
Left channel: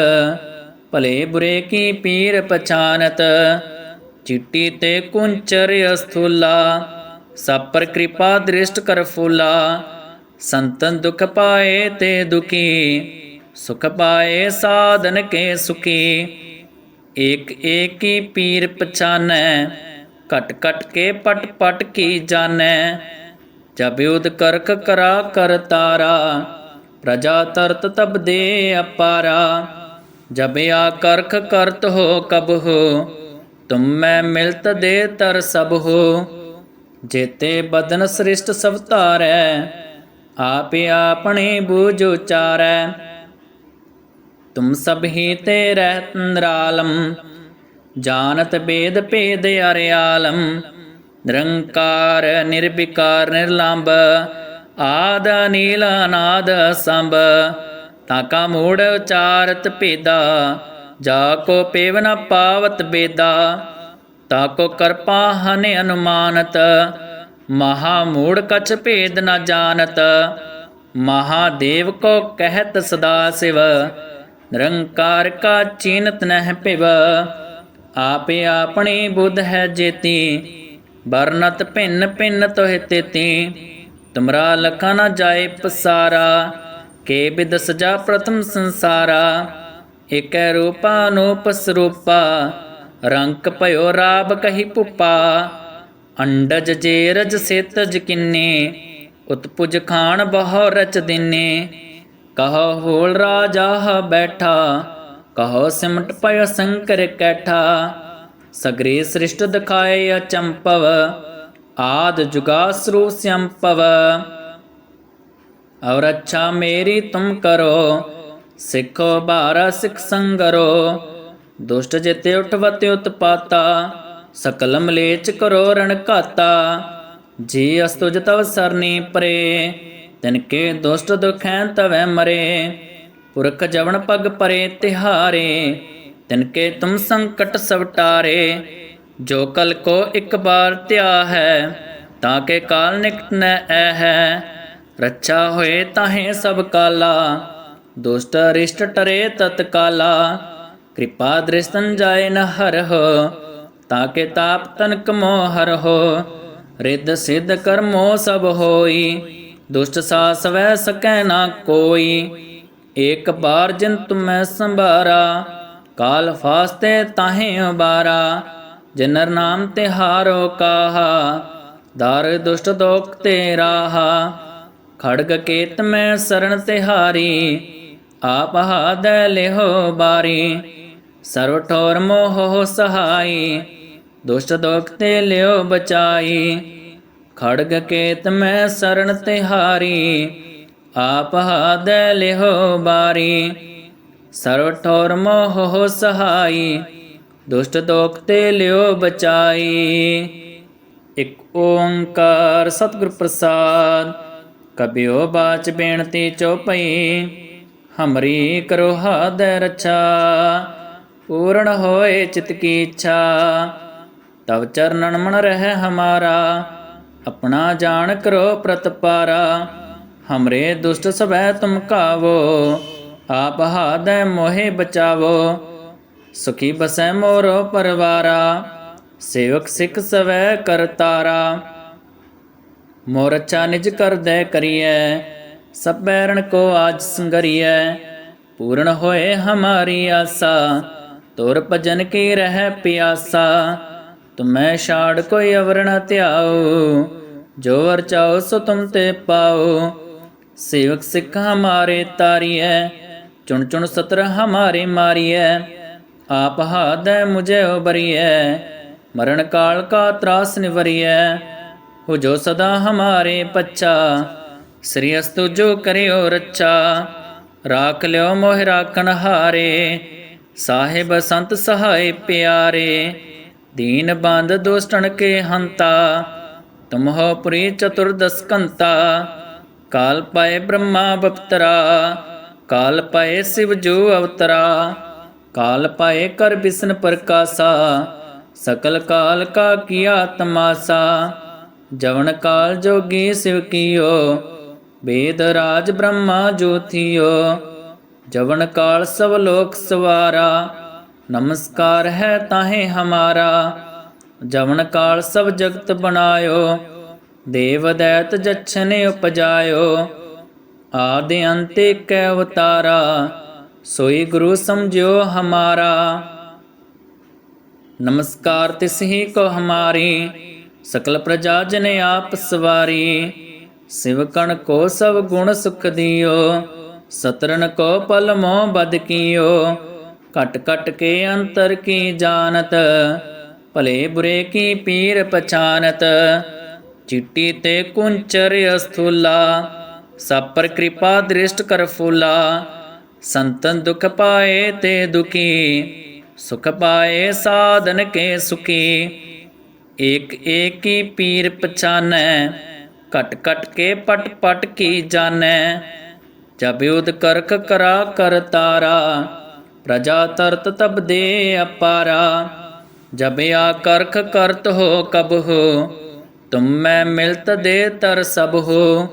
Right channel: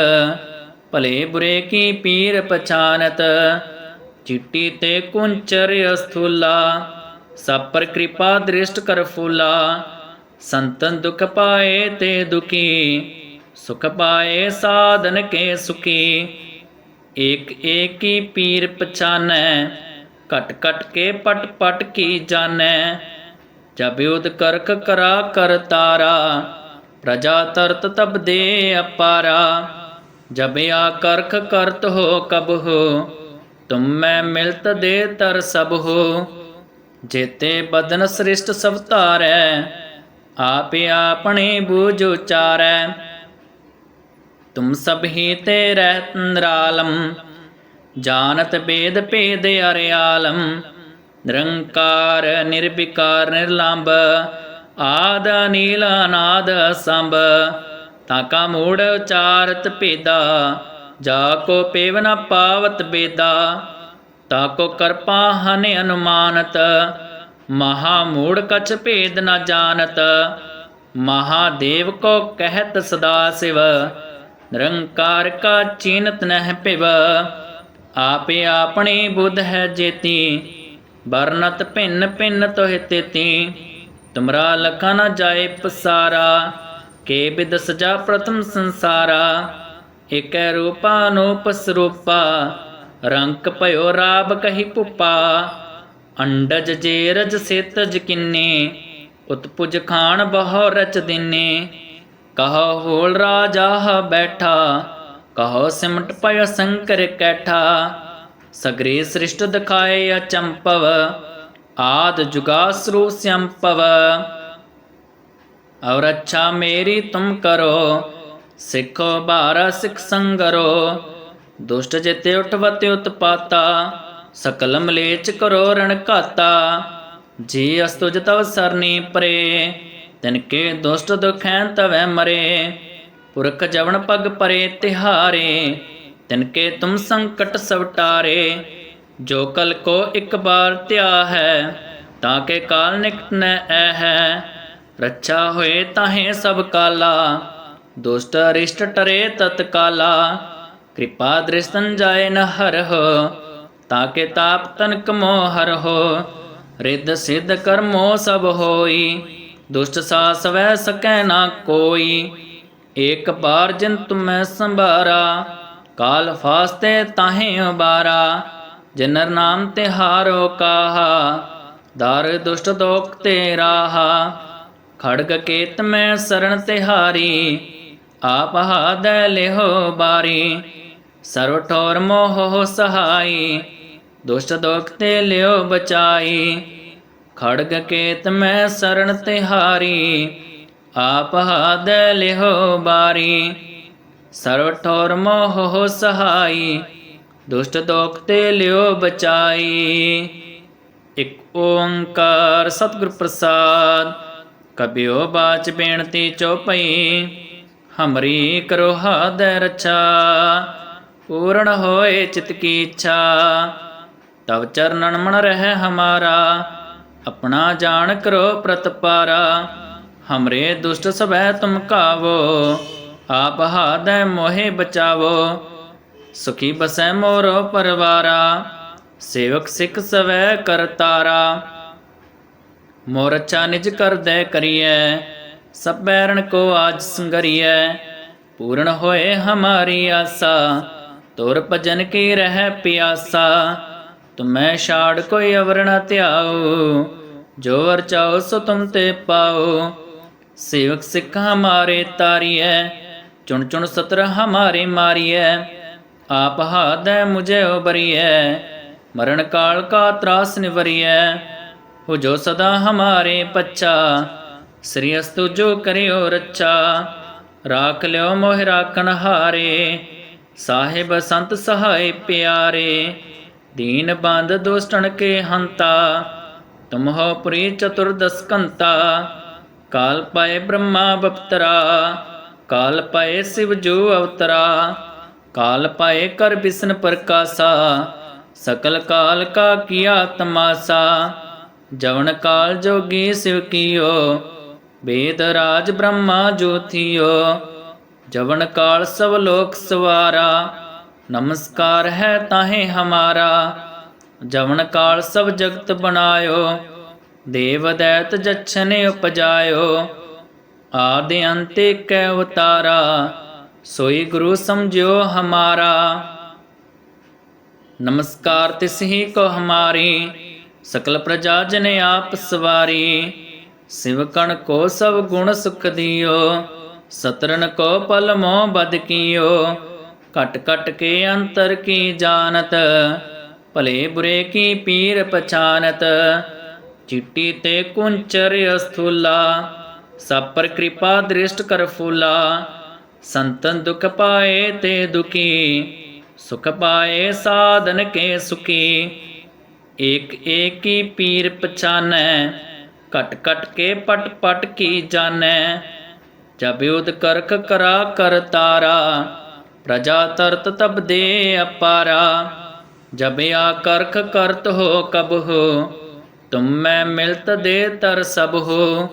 ਭਲੇ ਬੁਰੇ ਕੀ ਪੀਰ ਪਛਾਨਤ। ਚਿੱਟੀ ਤੇ ਕੁੰਚਰ ਅਸਥੂਲਾ ਸਭ ਪਰ ਕਿਰਪਾ ਦ੍ਰਿਸ਼ਟ ਕਰ ਫੂਲਾ। ਸੰਤਨ ਦੁਖ ਪਾਏ ਤੇ ਦੁਖੀ, ਸੁਖ ਪਾਏ ਸਾਧਨ ਕੇ ਸੁਖੀ। ਏਕ ਏਕ ਪੀਰ ਪਛਾਨੈ ਕਟ ਕਟ ਕੇ ਪਟ ਪਟ ਕੀ ਜਾਣੈ। ਜਬ ਉਦ ਕਰਕ ਕਰਾ ਕਰ ਤਾਰਾ, ਪ੍ਰਜਾ ਤਰਤ ਤਬ ਦੇ ਅਪਾਰਾ। ਜਬ ਆ ਕਰਖ ਕਰਤ ਹੋ ਕਬ ਹੋ, ਤੁਮ ਮੈਂ ਮਿਲਤ ਦੇ ਤਰ ਸਭ ਹੋ। ਜੇਤੇ ਬਦਨ ਸ੍ਰਿਸ਼ਟ ਸਭ ਧਾਰੈ ਆਪੇ ਆਪਣੇ ਬੂਝ ਉਚਾਰੈ। ਤੁਮ ਸਭ ਹੀ ਤੇ ਰਹਿਤ ਨਿਰਾਲਮ, ਜਾਣਤ ਬੇਦ ਭੇਦ ਅਰਿਆਲਮ। ਨਿਰੰਕਾਰ, ਨਿਰਵਿਕਾਰ, ਨਿਰਲੰਭ, ਆਦ ਨੀਲ ਅਨਾਦ ਸੰਭ ਤਾਕਾ ਮੂੜ ਉਚਾਰਤ ਭੇਦਾ, ਜਾ ਕੋ ਪੇਵ ਨ ਪਾਵਤ ਬੇਦਾ। ਤਾਕੋ ਕਰਪਾ ਹਨ ਅਨੁਮਾਨਤ ਮਹਾ ਮੂੜ ਕਛ ਭੇਦ ਨਾ ਜਾਣਤ। ਮਹਾਦੇਵ ਕੋ ਕਹਿਤ ਸਦਾ ਸਿਵ। ਨਿਰੰਕਾਰ ਕਾ ਚੀਨਤ ਨਹਿ ਪਿਵ ਆਪੇ ਆਪਣੀ ਬੁੱਧ ਹੈ ਜੇਤੀ। ਬਰਨਤ ਭਿੰਨ ਭਿੰਨ ਤੋਹਿ ਤੇਤੀ। ਤੁਮਰਾ ਲਖਾ ਨਾ ਜਾਏ ਪਸਾਰਾ। ਕੇ ਬਿਦ ਸਜਾ ਪ੍ਰਥਮ ਸੰਸਾਰਾ। ਇਕੈ ਰੂਪਾ ਅਨੂਪ ਸਰੂਪਾ। ਰੰਕ ਭਇਓ ਰਾਬ ਕਹੀ ਪੁਪਾ। ਅੰਡਜ ਜੇ ਰਜ ਸੇਤਜ ਕਿੰਨੇ, ਉਤਪੁਜ ਖਾਨ ਬਹੁ ਰਚ ਦਿਨੇ। ਕਹੋ ਹੋਲ ਰਾਜਾ ਬੈਠਾ, ਕਹੋ ਸਿਮਟ ਪਇ ਸੰਕਰ ਕੈਠਾ। ਸਗਰੇ ਸ੍ਰਿਸ਼ਟ ਦਿਖਾਏ ਅਚੰਪਵ, ਆਦ ਜੁਗਾਸਰੂ ਸੰਪਵ। ਔਰ ਅੱਛਾ ਮੇਰੀ ਤੁਮ ਕਰੋ, ਸਿੱਖੋ ਬਾਰਾ ਸਿੱਖ ਸੰਗਰੋ। ਦੁਸ਼ਟ ਜਿਤੇ ਉਠਵਤੇ ਉਤਪਾਤਾ ਸਕਲ ਮਲੇਚ ਕਰੋ ਰਣ ਘਾਤਾ, ਜੀ ਅਸਤੁਜ ਤਵ ਸਰਨੀ ਪਰੇ, ਤਿਨ ਕੇ ਦੁਸ਼ਟ ਦੁਖੈ ਤਵੈ ਮਰੇ, ਪੁਰਖ ਜਵਨ ਪਗ ਪਰੇ ਤਿਹਾਰੇ, ਤਿਨ ਕੇ ਤੁਮ ਸੰਕਟ ਸਵਟਾਰੇ, ਜੋ ਕਲ ਕੋ ਇੱਕ ਬਾਰ ਧਿਆ ਹੈ, ਤਾਂ ਕੇ ਕਾਲ ਨਿਕਟ ਨ ਐ ਹੈ ਰੱਛਾ ਹੋਏ ਤਾਹੇ ਸਭ ਕਾਲਾ, ਦੁਸ਼ਟ ਅਰਿਸ਼ਟ ਟਰੇ ਤਤਕਾਲਾ, ਕਿਰਪਾ ਦ੍ਰਿਸ਼ਤਨ ਜਾਏ ਨ ਹਰਹੁ ਤਾਂ ਕੇ ਤਾਪ ਤਨਕ ਮੋਹਰ ਹੋ, ਰਿੱਧ ਸਿੱਧ ਕਰਮੋ ਸਭ ਹੋਈ, ਦੁਸ਼ਟ ਸਾਸ ਵੈ ਸਕੈ ਨਾ ਕੋਈ, ਏਕ ਬਾਰ ਜਿਨ ਤੁਮੈ ਸੰਭਾਰਾ, ਕਾਲ ਫਾਸਤੇ ਤਾਹੇ ਉਬਾਰਾ, ਜਨਰ ਨਾਮ ਤੇ ਹਾਰੋ ਕਾਹਾ, ਦਰ ਦੁਸ਼ਟ ਦੋਖ ਤੇ ਰਾਹਾ, ਖੜਗ ਕੇਤ ਮੈਂ ਸਰਣ ਤਿਹਾਰੀ ਆਪ ਹਾਦੈ ਲਿਹੋ ਬਾਰੀ, ਸਰਵ ਠੋਰ ਮੋਹ ਸਹਾਈ ਦੁਸ਼ਟ ਦੋਖ ਤੇ ਲਿਓ ਬਚਾਈ। ਖੜਗ ਕੇਤ ਮੈਂ ਸਰਣ ਤਿਹਾਰੀ, ਆਪ ਹਾਦੈ ਲਿਹੋ ਬਾਰੀ। ਸਰਵ ਠੋਰ ਮੋਹ ਸਹਾਈ, ਦੁਸ਼ਟ ਦੋਖ ਤੇ ਲਿਓ ਬਚਾਈ। ਇਕ ਓੰਕਾਰ ਸਤਿਗੁਰ ਪ੍ਰਸਾਦ ਕਬਿਓ ਬਾਚ ਬੇਨਤੀ ਚੋਪਈ ਹਮਰੀ ਕਰੋ ਹਾਦੈ ਰਛਾ। ਪੂਰਨ ਹੋਏ ਚਿਤ ਕੀ ਇੱਛਾ। ਤਵ ਚਰਨਨ ਮਨ ਰਹਿ ਹਮਾਰਾ, ਆਪਣਾ ਜਾਣ ਕਰੋ ਪ੍ਰਤਪਾਰਾ ਹਮਰੇ ਦੁਸ਼ਟ ਸਭੈ ਤੁਮ ਕਾਵੋ, ਆਪ ਹਾਦੈ ਮੋਹਿ ਬਚਾਵੋ। ਸੁਖੀ ਬਸੈ ਮੋਰੋ ਪਰਵਾਰਾ, ਸੇਵਕ ਸਿੱਖ ਸਵੈ ਕਰਤਾਰਾ ਮੋਰ ਅੱਛਾ ਨਿਜ ਕਰਦੈ ਕਰੀਐ, ਸਭ ਬੈਰਣ ਕੋ ਆਜ ਸੰਗਰੀਐ। ਪੂਰਨ ਹੋਏ ਹਮਾਰੀ ਆਸਾ, ਤੁਰ ਭਜਨ ਕੀ ਰਹਿ ਪਿਆਸਾ। ਤੁਮੈ ਛਾੜ ਕੋਈ ਅਵਰ ਨ ਧਿਆਓ ਜੋ ਵਰ ਚਾਓ ਸੋ ਤੁਮ ਤੇ ਪਾਓ ਸੇਵਕ ਸਿੱਖ ਹਮਾਰੇ ਤਾਰੀਐ, ਚੁਣ ਚੁਣ ਸਤਰ ਹਮਾਰੇ ਮਾਰੀਐ। ਆਪ ਹਾਦੈ ਮੁਝੇ ਉਬਰੀਐ, ਮਰਨ ਕਾਲ ਕਾ ਤਰਾਸ ਨਿਵਰੀਐ। ਹੋ ਜੋ ਸਦਾ ਹਮਾਰੇ ਪੱਛਾ, ਸ੍ਰੀ ਅਸਤੁ ਜੋ ਕਰਿਓ ਰੱਛਾ। ਰਾਖ ਲਿਓ ਮੋਹਿ ਰਾਖਣ ਹਾਰੇ, ਸਾਹਿਬ ਸੰਤ ਸਹਾਇ ਪਿਆਰੇ। ਦੀਨ ਬੰਦ ਦੁਸ਼ਟਣ ਕੇ ਹੰਤਾ ਤੁਮ ਹੋ ਪੁਰੀ ਚਤੁਰਦਸ ਕੰਤਾ। ਕਾਲ ਪਾਏ ਬ੍ਰਹਮਾ ਬਪਤਰਾ ਕਾਲ ਪਾਏ ਸਿਵ ਜੋ ਅਵਤਰਾ। ਕਾਲ ਪਾਏ ਕਰ ਬਿਸਨ ਪ੍ਰਕਾਸਾ, ਸਕਲ ਕਾਲ ਕਾ ਕੀਆ ਤਮਾਸਾ। ਜਵਨ ਕਾਲ ਜੋਗੀ ਸਿਵ ਕੀਓ, ਵੇਦ ਰਾਜ ਬ੍ਰਹਮਾ ਜੋਤੀਓ ਜਵਨ ਕਾਲ ਸਭ ਲੋਕ ਸਵਾਰਾ ਨਮਸਕਾਰ ਹੈ ਤਾਹੇ ਹਮਾਰਾ, ਜਵਨ ਕਾਲ ਸਭ ਜਗਤ ਬਣਾਇਓ, ਦੇਵ ਦੈਤ ਜਛਨੇ ਉਪਜਾਇਓ, ਆਦਿ ਅੰਤੇ ਕੈ ਅਵਤਾਰਾ, ਸੋਈ ਗੁਰੂ ਸਮਝਿਓ ਹਮਾਰਾ। ਨਮਸਕਾਰ ਤਿਸ ਹੀ ਕੋ ਹਮਾਰੀ, ਸਕਲ ਪ੍ਰਜਾ ਜਨ ਆਪ ਸਵਾਰੀ ਸਿਵ ਕਣ ਕੋ ਸਭ ਗੁਣ ਸੁਖ ਦਿਓ ਸਤਰਨ ਕੋ ਪਲ ਮੋਹ ਬਦ ਕੀਓ। ਕਟ ਕਟ ਕੇ ਅੰਤਰ ਕੀ ਜਾਣਤ ਭਲੇ ਬੁਰੇ ਕੀ ਪੀਰ ਪਛਾਨਤ ਚਿੱਟੀ ਤੇ ਕੁੰਚਰ ਅਸਥੂਲਾ ਸਭ ਪਰ ਕਿਰਪਾ ਦ੍ਰਿਸ਼ਟ ਕਰ ਫੂਲਾ ਸੰਤਨ ਦੁਖ ਪਾਏ ਤੇ ਦੁਖੀ ਸੁਖ ਪਾਏ ਸਾਧਨ ਕੇ ਸੁਖੀ ਏਕ ਏਕੀ ਪੀਰ ਪਛਾਨੈ ਕਟ ਕਟ ਕੇ ਪਟ ਪਟ ਕੀ ਜਾਣੈ ਜਬ ਉਦ ਕਰਖ ਕਰਾ ਕਰ ਤਾਰਾ ਪ੍ਰਜਾ ਤਰਤ ਤਬ ਦੇ ਅਪਾਰਾ, ਜਬ ਆ ਕਰਖ ਕਰਤ ਹੋ ਕਬ ਹੋ, ਤੁਮ ਮੈਂ ਮਿਲਤ ਦੇ ਤਰ ਸਭ ਹੋ।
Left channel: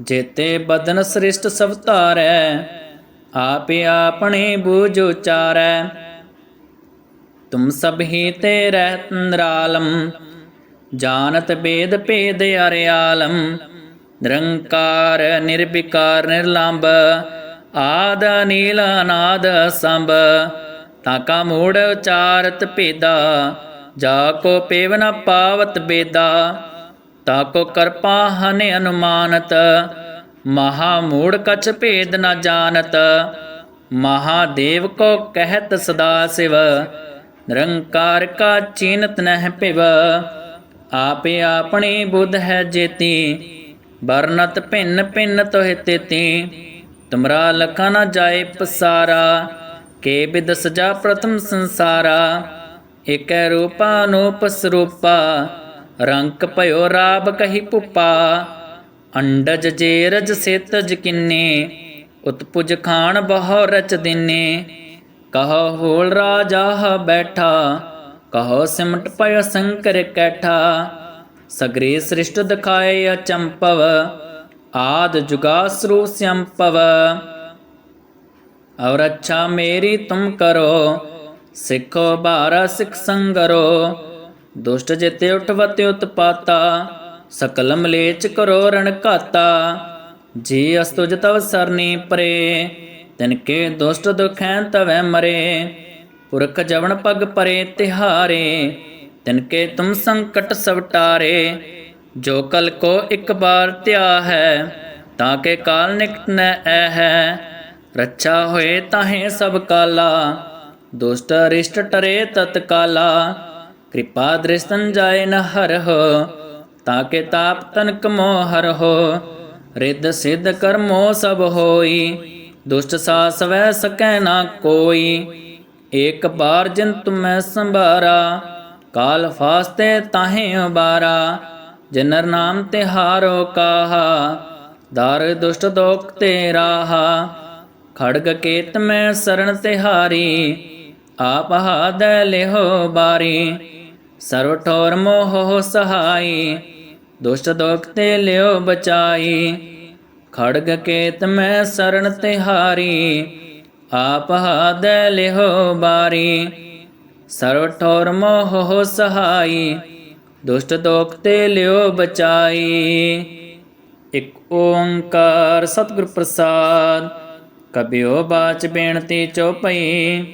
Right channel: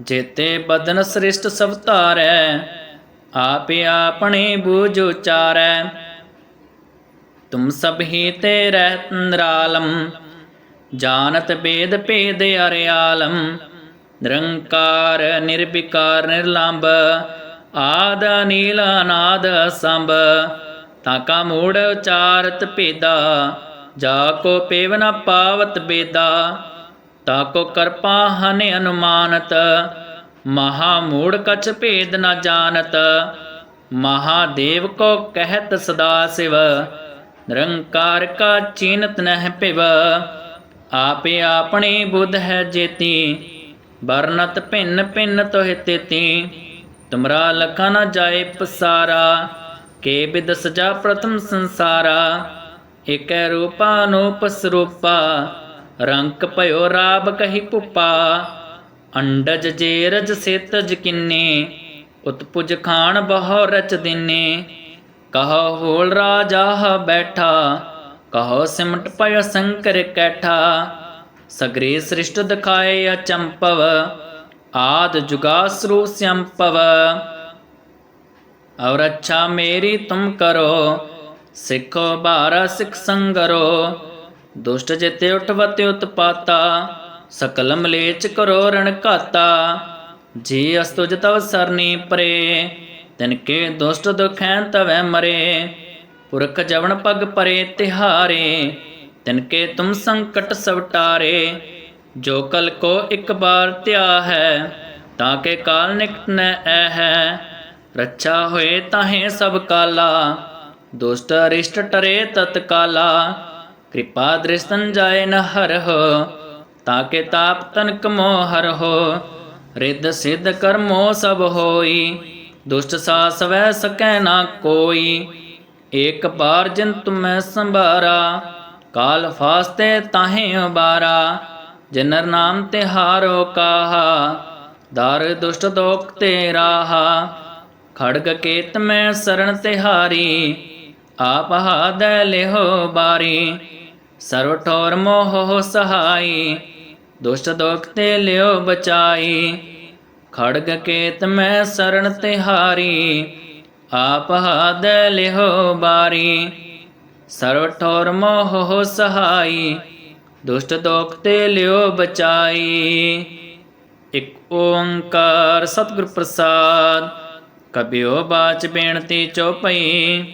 ਜੇਤੇ ਬਦਨ ਸ੍ਰਿਸ਼ਟ ਸਭ ਧਾਰੈ, ਆਪੇ ਆਪਣੇ ਬੂਝ ਉਚਾਰੈ। ਤੁਮ ਸਭ ਹੀ ਤੇ ਰਹਿਤ ਨਿਰਾਲਮ, ਜਾਣਤ ਬੇਦ ਭੇਦ ਅਰਿਆਲਮ। ਨਿਰੰਕਾਰ, ਨਿਰਵਿਕਾਰ ਨਿਰਲੰਭ ਆਦ ਨੀਲ ਅਨਾਦ ਸੰਭ ਤਾਕਾ ਮੂੜ ਉਚਾਰਤ ਭੇਦਾ, ਜਾ ਕੋ ਪੇਵ ਨ ਪਾਵਤ ਬੇਦਾ ਤਾਕੋ ਕਰਪਾ ਹਨ ਅਨੁਮਾਨਤ, ਮਹਾ ਮੂੜ ਕਛ ਭੇਦ ਨ ਜਾਣਤ ਮਹਾਦੇਵ ਕੋ ਕਹਿਤ ਸਦਾ ਸਿਵ, ਨਿਰੰਕਾਰ ਕਾ ਚੀਨਤ ਨਹਿ ਪਿਵ ਆਪੇ ਆਪਣੀ ਬੁੱਧ ਹੈ ਜੇਤੀ, ਵਰਨਤ ਭਿੰਨ ਭਿੰਨ ਤੋਹਿ ਤੇਤੀ। ਤੁਮਰਾ ਲਖਾ ਨ ਜਾਏ ਪਸਾਰਾ, ਕੇ ਬਿਦ ਸਜਾ ਪ੍ਰਥਮ ਸੰਸਾਰਾ। ਏਕੈ ਰੂਪਾ ਅਨੂਪ ਸਰੂਪਾ ਰੰਕ ਭਇਓ ਰਾਬ ਕਹੀ ਪੁਪਾ। ਅੰਡਜ ਜੇ ਰਜ ਸੇਤਜ ਕਿੰਨੇ, ਉਤਪੁਜ ਖਾਨ ਬਹੁ ਰਚ ਦਿਨੇ। ਕਹੋ ਹੋਲ ਰਾਜਾ ਬੈਠਾ, ਕਹੋ ਸਿਮਟ ਪਇ ਸੰਕਰ ਕੈਠਾ। ਸਗਰੇ ਸ੍ਰਿਸ਼ਟ ਦਿਖਾਏ ਅਚੰਪਵ ਆਦ ਜੁਗਾਸਰੂ ਸੰਪਵ और अच्छा मेरी तुम करो सिखो बारा सिख संगरो दुष्ट जिते उठवते उत्पाता सकल मलेच करो रण घाता जी अस्तुज तव सरनी परे तिनके दुष्ट दुखैं तवै मरे पुरख जवन पग परे तिहारे तिनके तुम संकट ਜੋ ਕਲ ਕੋ ਇੱਕ ਬਾਰ ਧਿਆ ਹੈ, ਤਾਂ ਕਿ ਕਾਲ ਨਿਕਟ ਨੈ ਐ ਹੈ। ਰੱਛਾ ਹੋਏ ਤਾਹੇ ਸਭ ਕਾਲਾ, ਦੁਸ਼ਟ ਅਰਿਸ਼ਟ ਟਰੇ ਤਤਕਾਲਾ ਕਿਰਪਾ ਦ੍ਰਿਸ਼ਤਨ ਜਾਏ ਨ ਹਰ ਹੋ, ਤਾਂ ਕਿ ਤਾਪ ਤਨਕ ਮੋਹ ਹਰ ਹੋ। ਰਿੱਧ ਸਿੱਧ ਕਰਮੋ ਸਭ ਹੋਈ, ਦੁਸ਼ਟ ਸਾਸ ਵਹਿ ਸਕੈ ਨਾ ਕੋਈ। ਇੱਕ ਬਾਰ ਜਿਨ ਤੁਮੈ ਸੰਭਾਰਾ, ਕਾਲ ਫਾਸਤੇ ਤਾਹੇ ਉਬਾਰਾ। ਜਨਰ ਨਾਮ ਤੇ ਹਾਰੋ ਕਾਹਾ, ਦਰ ਦੁਸ਼ਟ ਦੋਖ ਤੇ ਰਾਹਾ ਖੜਗ ਕੇਤ ਮੈਂ ਸਰਣ ਤਿਹਾਰੀ, ਆਪ ਹਾਦੈ ਲਿਹੋ ਬਾਰੀ। ਸਰਵ ਠੋਰ ਮੋਹ ਸਹਾਈ, ਦੁਸ਼ਟ ਦੋਖ ਤੇ ਲਿਓ ਬਚਾਈ। ਖੜਗ ਕੇਤ ਮੈਂ ਸਰਣ ਤਿਹਾਰੀ, ਆਪ ਹਾਦੈ ਲਿਹੋ ਬਾਰੀ। ਸਰਵ ਠੋਰ ਮੋਹ ਸਹਾਈ ਦੁਸ਼ਟ ਦੋਖ ਤੇ ਲਿਓ ਬਚਾਈ। ਇਕ ਓੰਕਾਰ ਸਤਿਗੁਰ ਪ੍ਰਸਾਦ, ਕਬਿਓ ਬਾਚ ਬੇਨਤੀ ਚੋਪਈ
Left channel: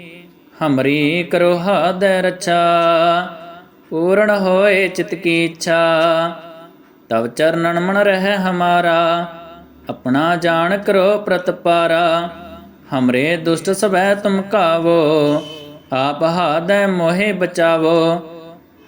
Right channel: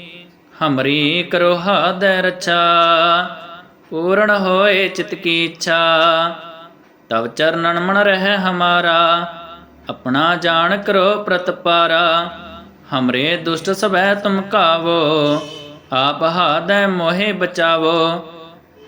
ਹਮਰੀ ਕਰੋ ਹਾਦੈ ਰੱਛਾ। ਪੂਰਨ ਹੋਏ ਚਿਤ ਕੀ ਇੱਛਾ, ਤਵ ਚਰਨਨ ਮਨ ਰਹਿ ਹਮਾਰਾ। ਆਪਣਾ ਜਾਣ ਕਰੋ ਪ੍ਰਤਪਾਰਾ ਹਮਰੇ ਦੁਸ਼ਟ ਸਭੈ ਤੁਮ ਕਾਵੋ, ਆਪ ਹਾਦੈ ਮੋਹਿ ਬਚਾਵੋ।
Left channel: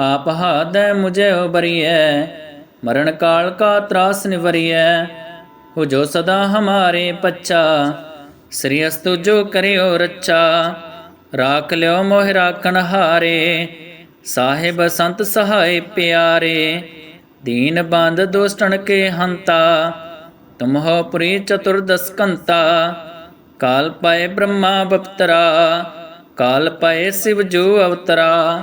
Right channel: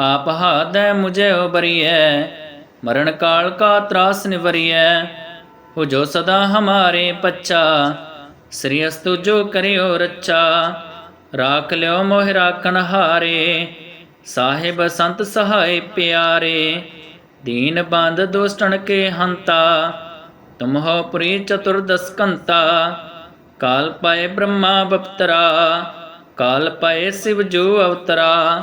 ਆਪ ਹਾਦੈ ਮੁਝੇ ਉਬਰੀਐ, ਮਰਨ ਕਾਲ ਕਾ ਤਰਾਸ ਨਿਵਰੀਐ। ਹੋ ਜੋ ਸਦਾ ਹਮਾਰੇ ਪੱਛਾ, ਸ੍ਰੀ ਅਸਤੁ ਜੋ ਕਰਿਓ ਰੱਛਾ। ਰਾਖ ਲਿਓ ਮੋਹ ਰਾਖਣ ਹਾਰੇ, ਸਾਹਿਬ ਸੰਤ ਸਹਾਇ ਪਿਆਰੇ। ਦੀਨ ਬੰਦ ਦੁਸ਼ਟਣ ਕੇ ਹੰਤਾ, ਤੁਮ ਹੋ ਪੁਰੀ ਚਤੁਰਦਸ ਕੰਤਾ ਕਾਲ ਪਾਏ ਬ੍ਰਹਮਾ ਬਪਤਰਾ, ਕਾਲ ਪਾਏ ਸਿਵ ਜੋ ਅਵਤਰਾ।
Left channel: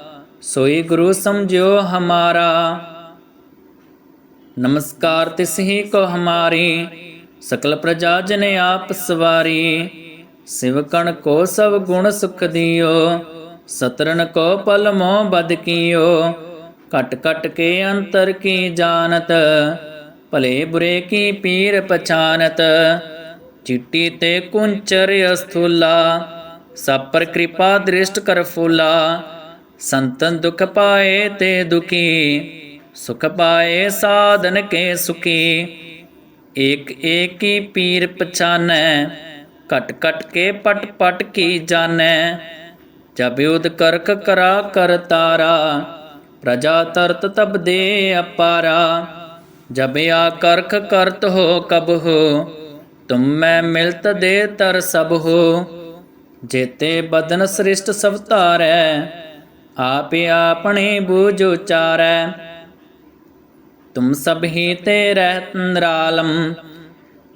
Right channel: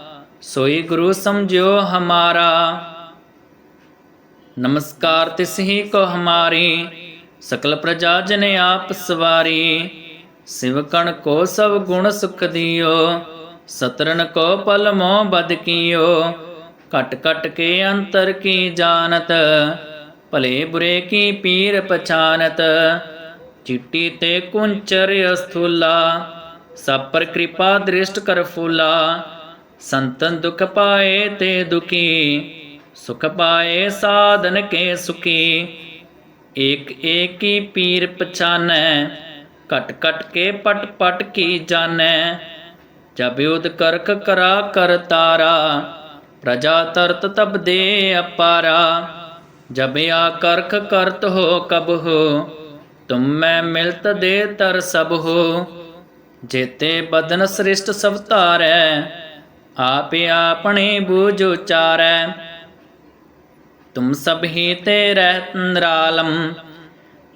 ਸੋਈ ਗੁਰੂ ਸਮਝਿਓ ਹਮਾਰਾ। ਨਮਸਕਾਰ ਤਿਸ ਹੀ ਕੋ ਹਮਾਰੀ, ਸਕਲ ਪ੍ਰਜਾ ਜਨ ਆਪ ਸਵਾਰੀ। ਸਿਵਕਣ ਕੋ ਸਭ ਗੁਣ ਸੁਖ ਦਿਓ ਸਤਰਨ ਕੋ ਪਲ ਮੋਹ ਬਦ ਕੀਓ। ਕਟ ਕਟ ਕੇ ਅੰਤਰ ਕੀ ਜਾਣਤ, ਭਲੇ ਬੁਰੇ ਕੀ ਪੀਰ ਪਛਾਨਤ। ਚਿੱਟੀ ਤੇ ਕੁੰਚਰ ਅਸਥੂਲਾ, ਸਭ ਪਰ ਕਿਰਪਾ ਦ੍ਰਿਸ਼ਟ ਕਰ ਫੂਲਾ। ਸੰਤਨ ਦੁਖ ਪਾਏ ਤੇ ਦੁਖੀ, ਸੁਖ ਪਾਏ ਸਾਧਨ ਕੇ ਸੁਖੀ। ਏਕ ਏਕੀ ਪੀਰ ਪਛਾਨੈ ਕਟ ਕਟ ਕੇ ਪਟ ਪਟ ਕੀ ਜਾਣੈ। ਜਬ ਉਦ ਕਰਕ ਕਰਾ ਕਰ ਤਾਰਾ, ਪ੍ਰਜਾ ਤਰਤ ਤਬ ਦੇ ਅਪਾਰਾ। ਜਬ ਆ ਕਰਖ ਕਰਤ ਹੋ ਕਬ ਹੋ, ਤੁਮ ਮੈਂ ਮਿਲਤ ਦੇ ਤਰ ਸਭ ਹੋ। ਜੇਤੇ ਬਦਨ ਸ੍ਰਿਸ਼ਟ ਸਭ ਧਾਰੈ ਆਪੇ ਆਪਣੇ ਬੂਝ ਉਚਾਰੈ। ਤੁਮ ਸਭ ਹੀ ਤੇ ਰਹਿਤ ਨਿਰਾਲਮ,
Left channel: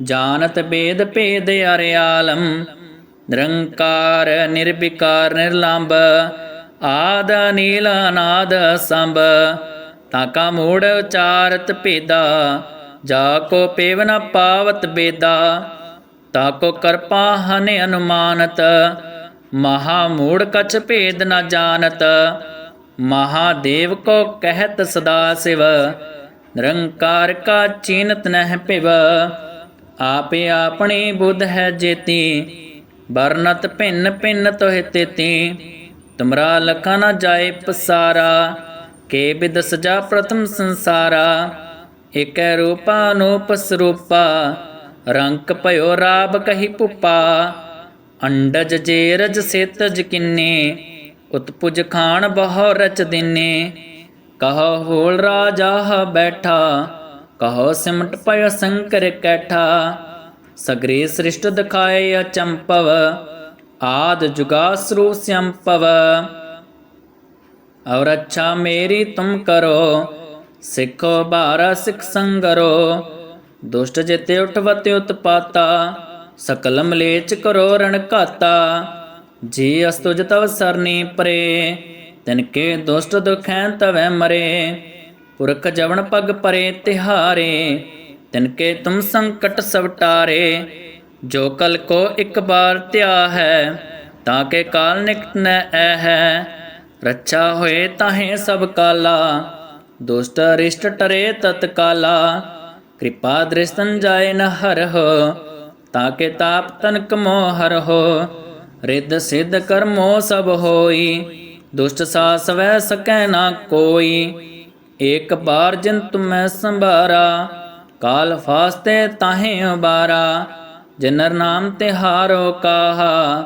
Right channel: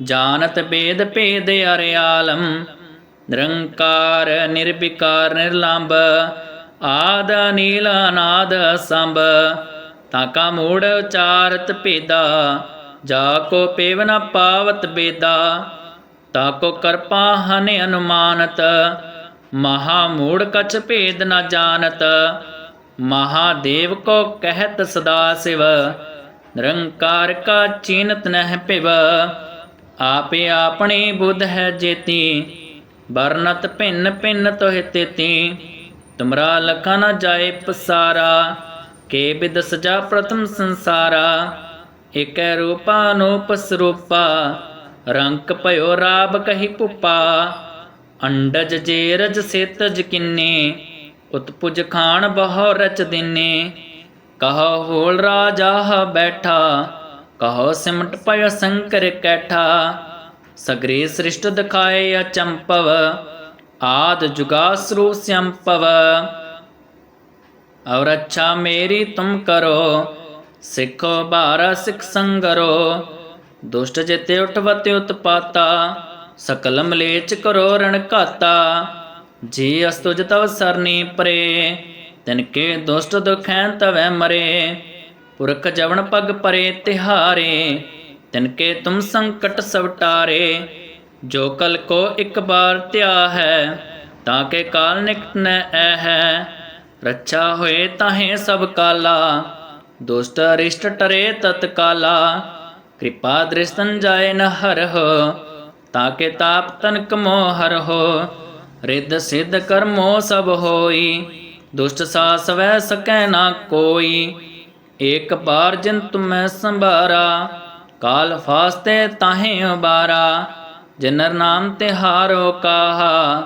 ਜਾਣਤ ਬੇਦ ਭੇਦ ਅਰਿਆਲਮ। ਨਿਰੰਕਾਰ, ਨਿਰਵਿਕਾਰ ਨਿਰਲੰਭ ਆਦ ਨੀਲ ਅਨਾਦ ਸੰਭ ਤਾਕਾ ਮੂੜ ਉਚਾਰਤ ਭੇਦਾ, ਜਾ ਕੋ ਪੇਵ ਨ ਪਾਵਤ ਬੇਦਾ। ਤਾਕੋ ਕਰਪਾ ਹਨ ਅਨੁਮਾਨਤ ਮਹਾ ਮੂੜ ਕਛ ਭੇਦ ਨ ਜਾਣਤ, ਮਹਾਦੇਵ ਕੋ ਕਹਿਤ ਸਦਾ ਸਿਵ, ਨਿਰੰਕਾਰ ਕਾ ਚੀਨਤ ਨਹਿ ਪਿਵ ਆਪੇ ਆਪਣੀ ਬੁੱਧ ਹੈ ਜੇਤੀ, ਵਰਨਤ ਭਿੰਨ ਭਿੰਨ ਤੋਹਿ ਤੇਤੀ, ਤੁਮਰਾ ਲਖਾ ਨ ਜਾਏ ਪਸਾਰਾ, ਕੇ ਬਿਦ ਸਜਾ ਪ੍ਰਥਮ ਸੰਸਾਰਾ, ਏਕੈ ਰੂਪਾ ਅਨੂਪ ਸਰੂਪਾ, ਰੰਕ ਭਇਓ ਰਾਬ ਕਹੀ ਪੁਪਾ ਅੰਡਜ ਜੇਰਜ ਸੇਤਜ ਕਿੰਨੇ ਉਤਪੁਜ ਖਾਨ ਬਹੁ ਰਚ ਦਿਨੇ। ਕਹੋ ਹੋਲ ਰਾਜਾ ਬੈਠਾ, ਕਹੋ ਸਿਮਟ ਪਇ ਸੰਕਰ ਕੈਠਾ। ਸਗਰੇ ਸ੍ਰਿਸ਼ਟ ਦਿਖਾਏ ਅਚੰਪਵ, ਆਦ ਜੁਗਾਸਰੂ ਸੰਪਵ। ਔਰ ਅੱਛਾ ਮੇਰੀ ਤੁਮ ਕਰੋ, ਸਿੱਖੋ ਬਾਰਾ ਸਿੱਖ ਸੰਗਰੋ। ਦੁਸ਼ਟ ਜਿਤੇ ਉਠਵਤੇ ਉਤਪਾਤਾ ਸਕਲ ਮਲੇਚ ਕਰੋ ਰਣ ਘਾਤਾ, ਜੀ ਅਸਤੁਜ ਤਵ ਸਰਨੀ ਪਰੇ, ਤਿਨ ਕੇ ਦੁਸ਼ਟ ਦੁਖੈ ਤਵੈ ਮਰੇ, ਪੁਰਖ ਜਵਨ ਪਗ ਪਰੇ ਤਿਹਾਰੇ, ਤਿਨ ਕੇ ਤੁਮ ਸੰਕਟ ਸਵਟਾਰੇ ਜੋ ਕਲ ਕੋ ਇਕ ਬਾਰ ਤਿਆ ਹੈ, ਤਾਂ ਕੇ ਕਾਲ ਨਿਕ ਨੈ ਹੈ, ਰਛਾ ਹੋਏ ਤਾਹੇ ਸਭ ਕਾਲਾ, ਦੁਸ਼ਟ ਅਰਿਸ਼ਟ ਟਰੇ ਤਤਕਾਲਾ, ਕਿਰਪਾ ਦ੍ਰਿਸ਼ਤਨ ਜਾਏ ਨ ਹਰਹ ਤਾਕੇ ਤਾਪ ਤਨਕ ਮੋਹ ਹੋ, ਰਿੱਧ ਸਿੱਧ ਕਰਮੋ ਸਭ ਹੋਈ, ਦੁਸ਼ਟ ਸਾਸ ਵੈ ਸਕੈ ਨਾ ਕੋਈ, ਏਕ ਬਾਰ ਜਿਨ ਤੁਮੈ ਸੰਭਾਰਾ, ਕਾਲ ਫਾਸਤੇ ਤਾਹੇ ਉਬਾਰਾ, ਜਨਰ ਨਾਮ ਤੇ ਹਾਰੋ ਕਾਹਾ,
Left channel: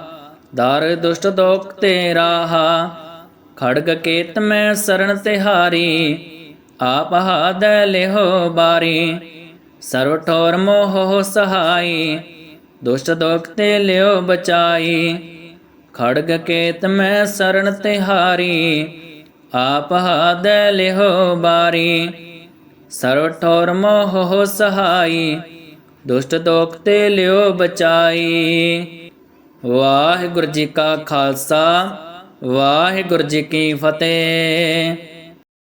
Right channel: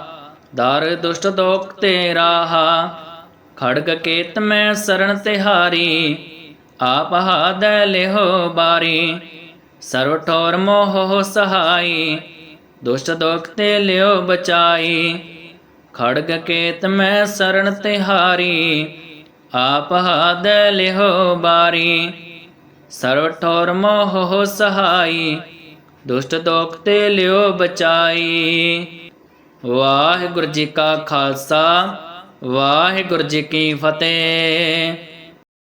ਦਰ ਦੁਸ਼ਟ ਦੋਖ ਤੇ ਰਾਹਾ ਖੜਗ ਕੇਤ ਮੈਂ ਸਰਣ ਤਿਹਾਰੀ, ਆਪ ਹਾਦੈ ਲਿਹੋ ਬਾਰੀ, ਸਰਵ ਠੋਰ ਮੋਹ ਸਹਾਈ ਦੁਸ਼ਟ ਦੋਖ ਤੇ ਲਿਓ ਬਚਾਈ। ਖੜਗ ਕੇਤ ਮੈਂ ਸਰਣ ਤਿਹਾਰੀ ਆਪ ਹਾਦੈ ਲਿਹੋ ਬਾਰੀ। ਸਰਵ ਠੋਰ ਮੋਹ ਸਹਾਈ। ਦੁਸ਼ਟ ਦੋਖ ਤੇ ਲਿਓ ਬਚਾਈ। ਵਾਹਿਗੁਰੂ ਜੀ ਕਾ ਖਾਲਸਾ, ਵਾਹਿਗੁਰੂ ਜੀ ਕੀ ਫਤਿਹ।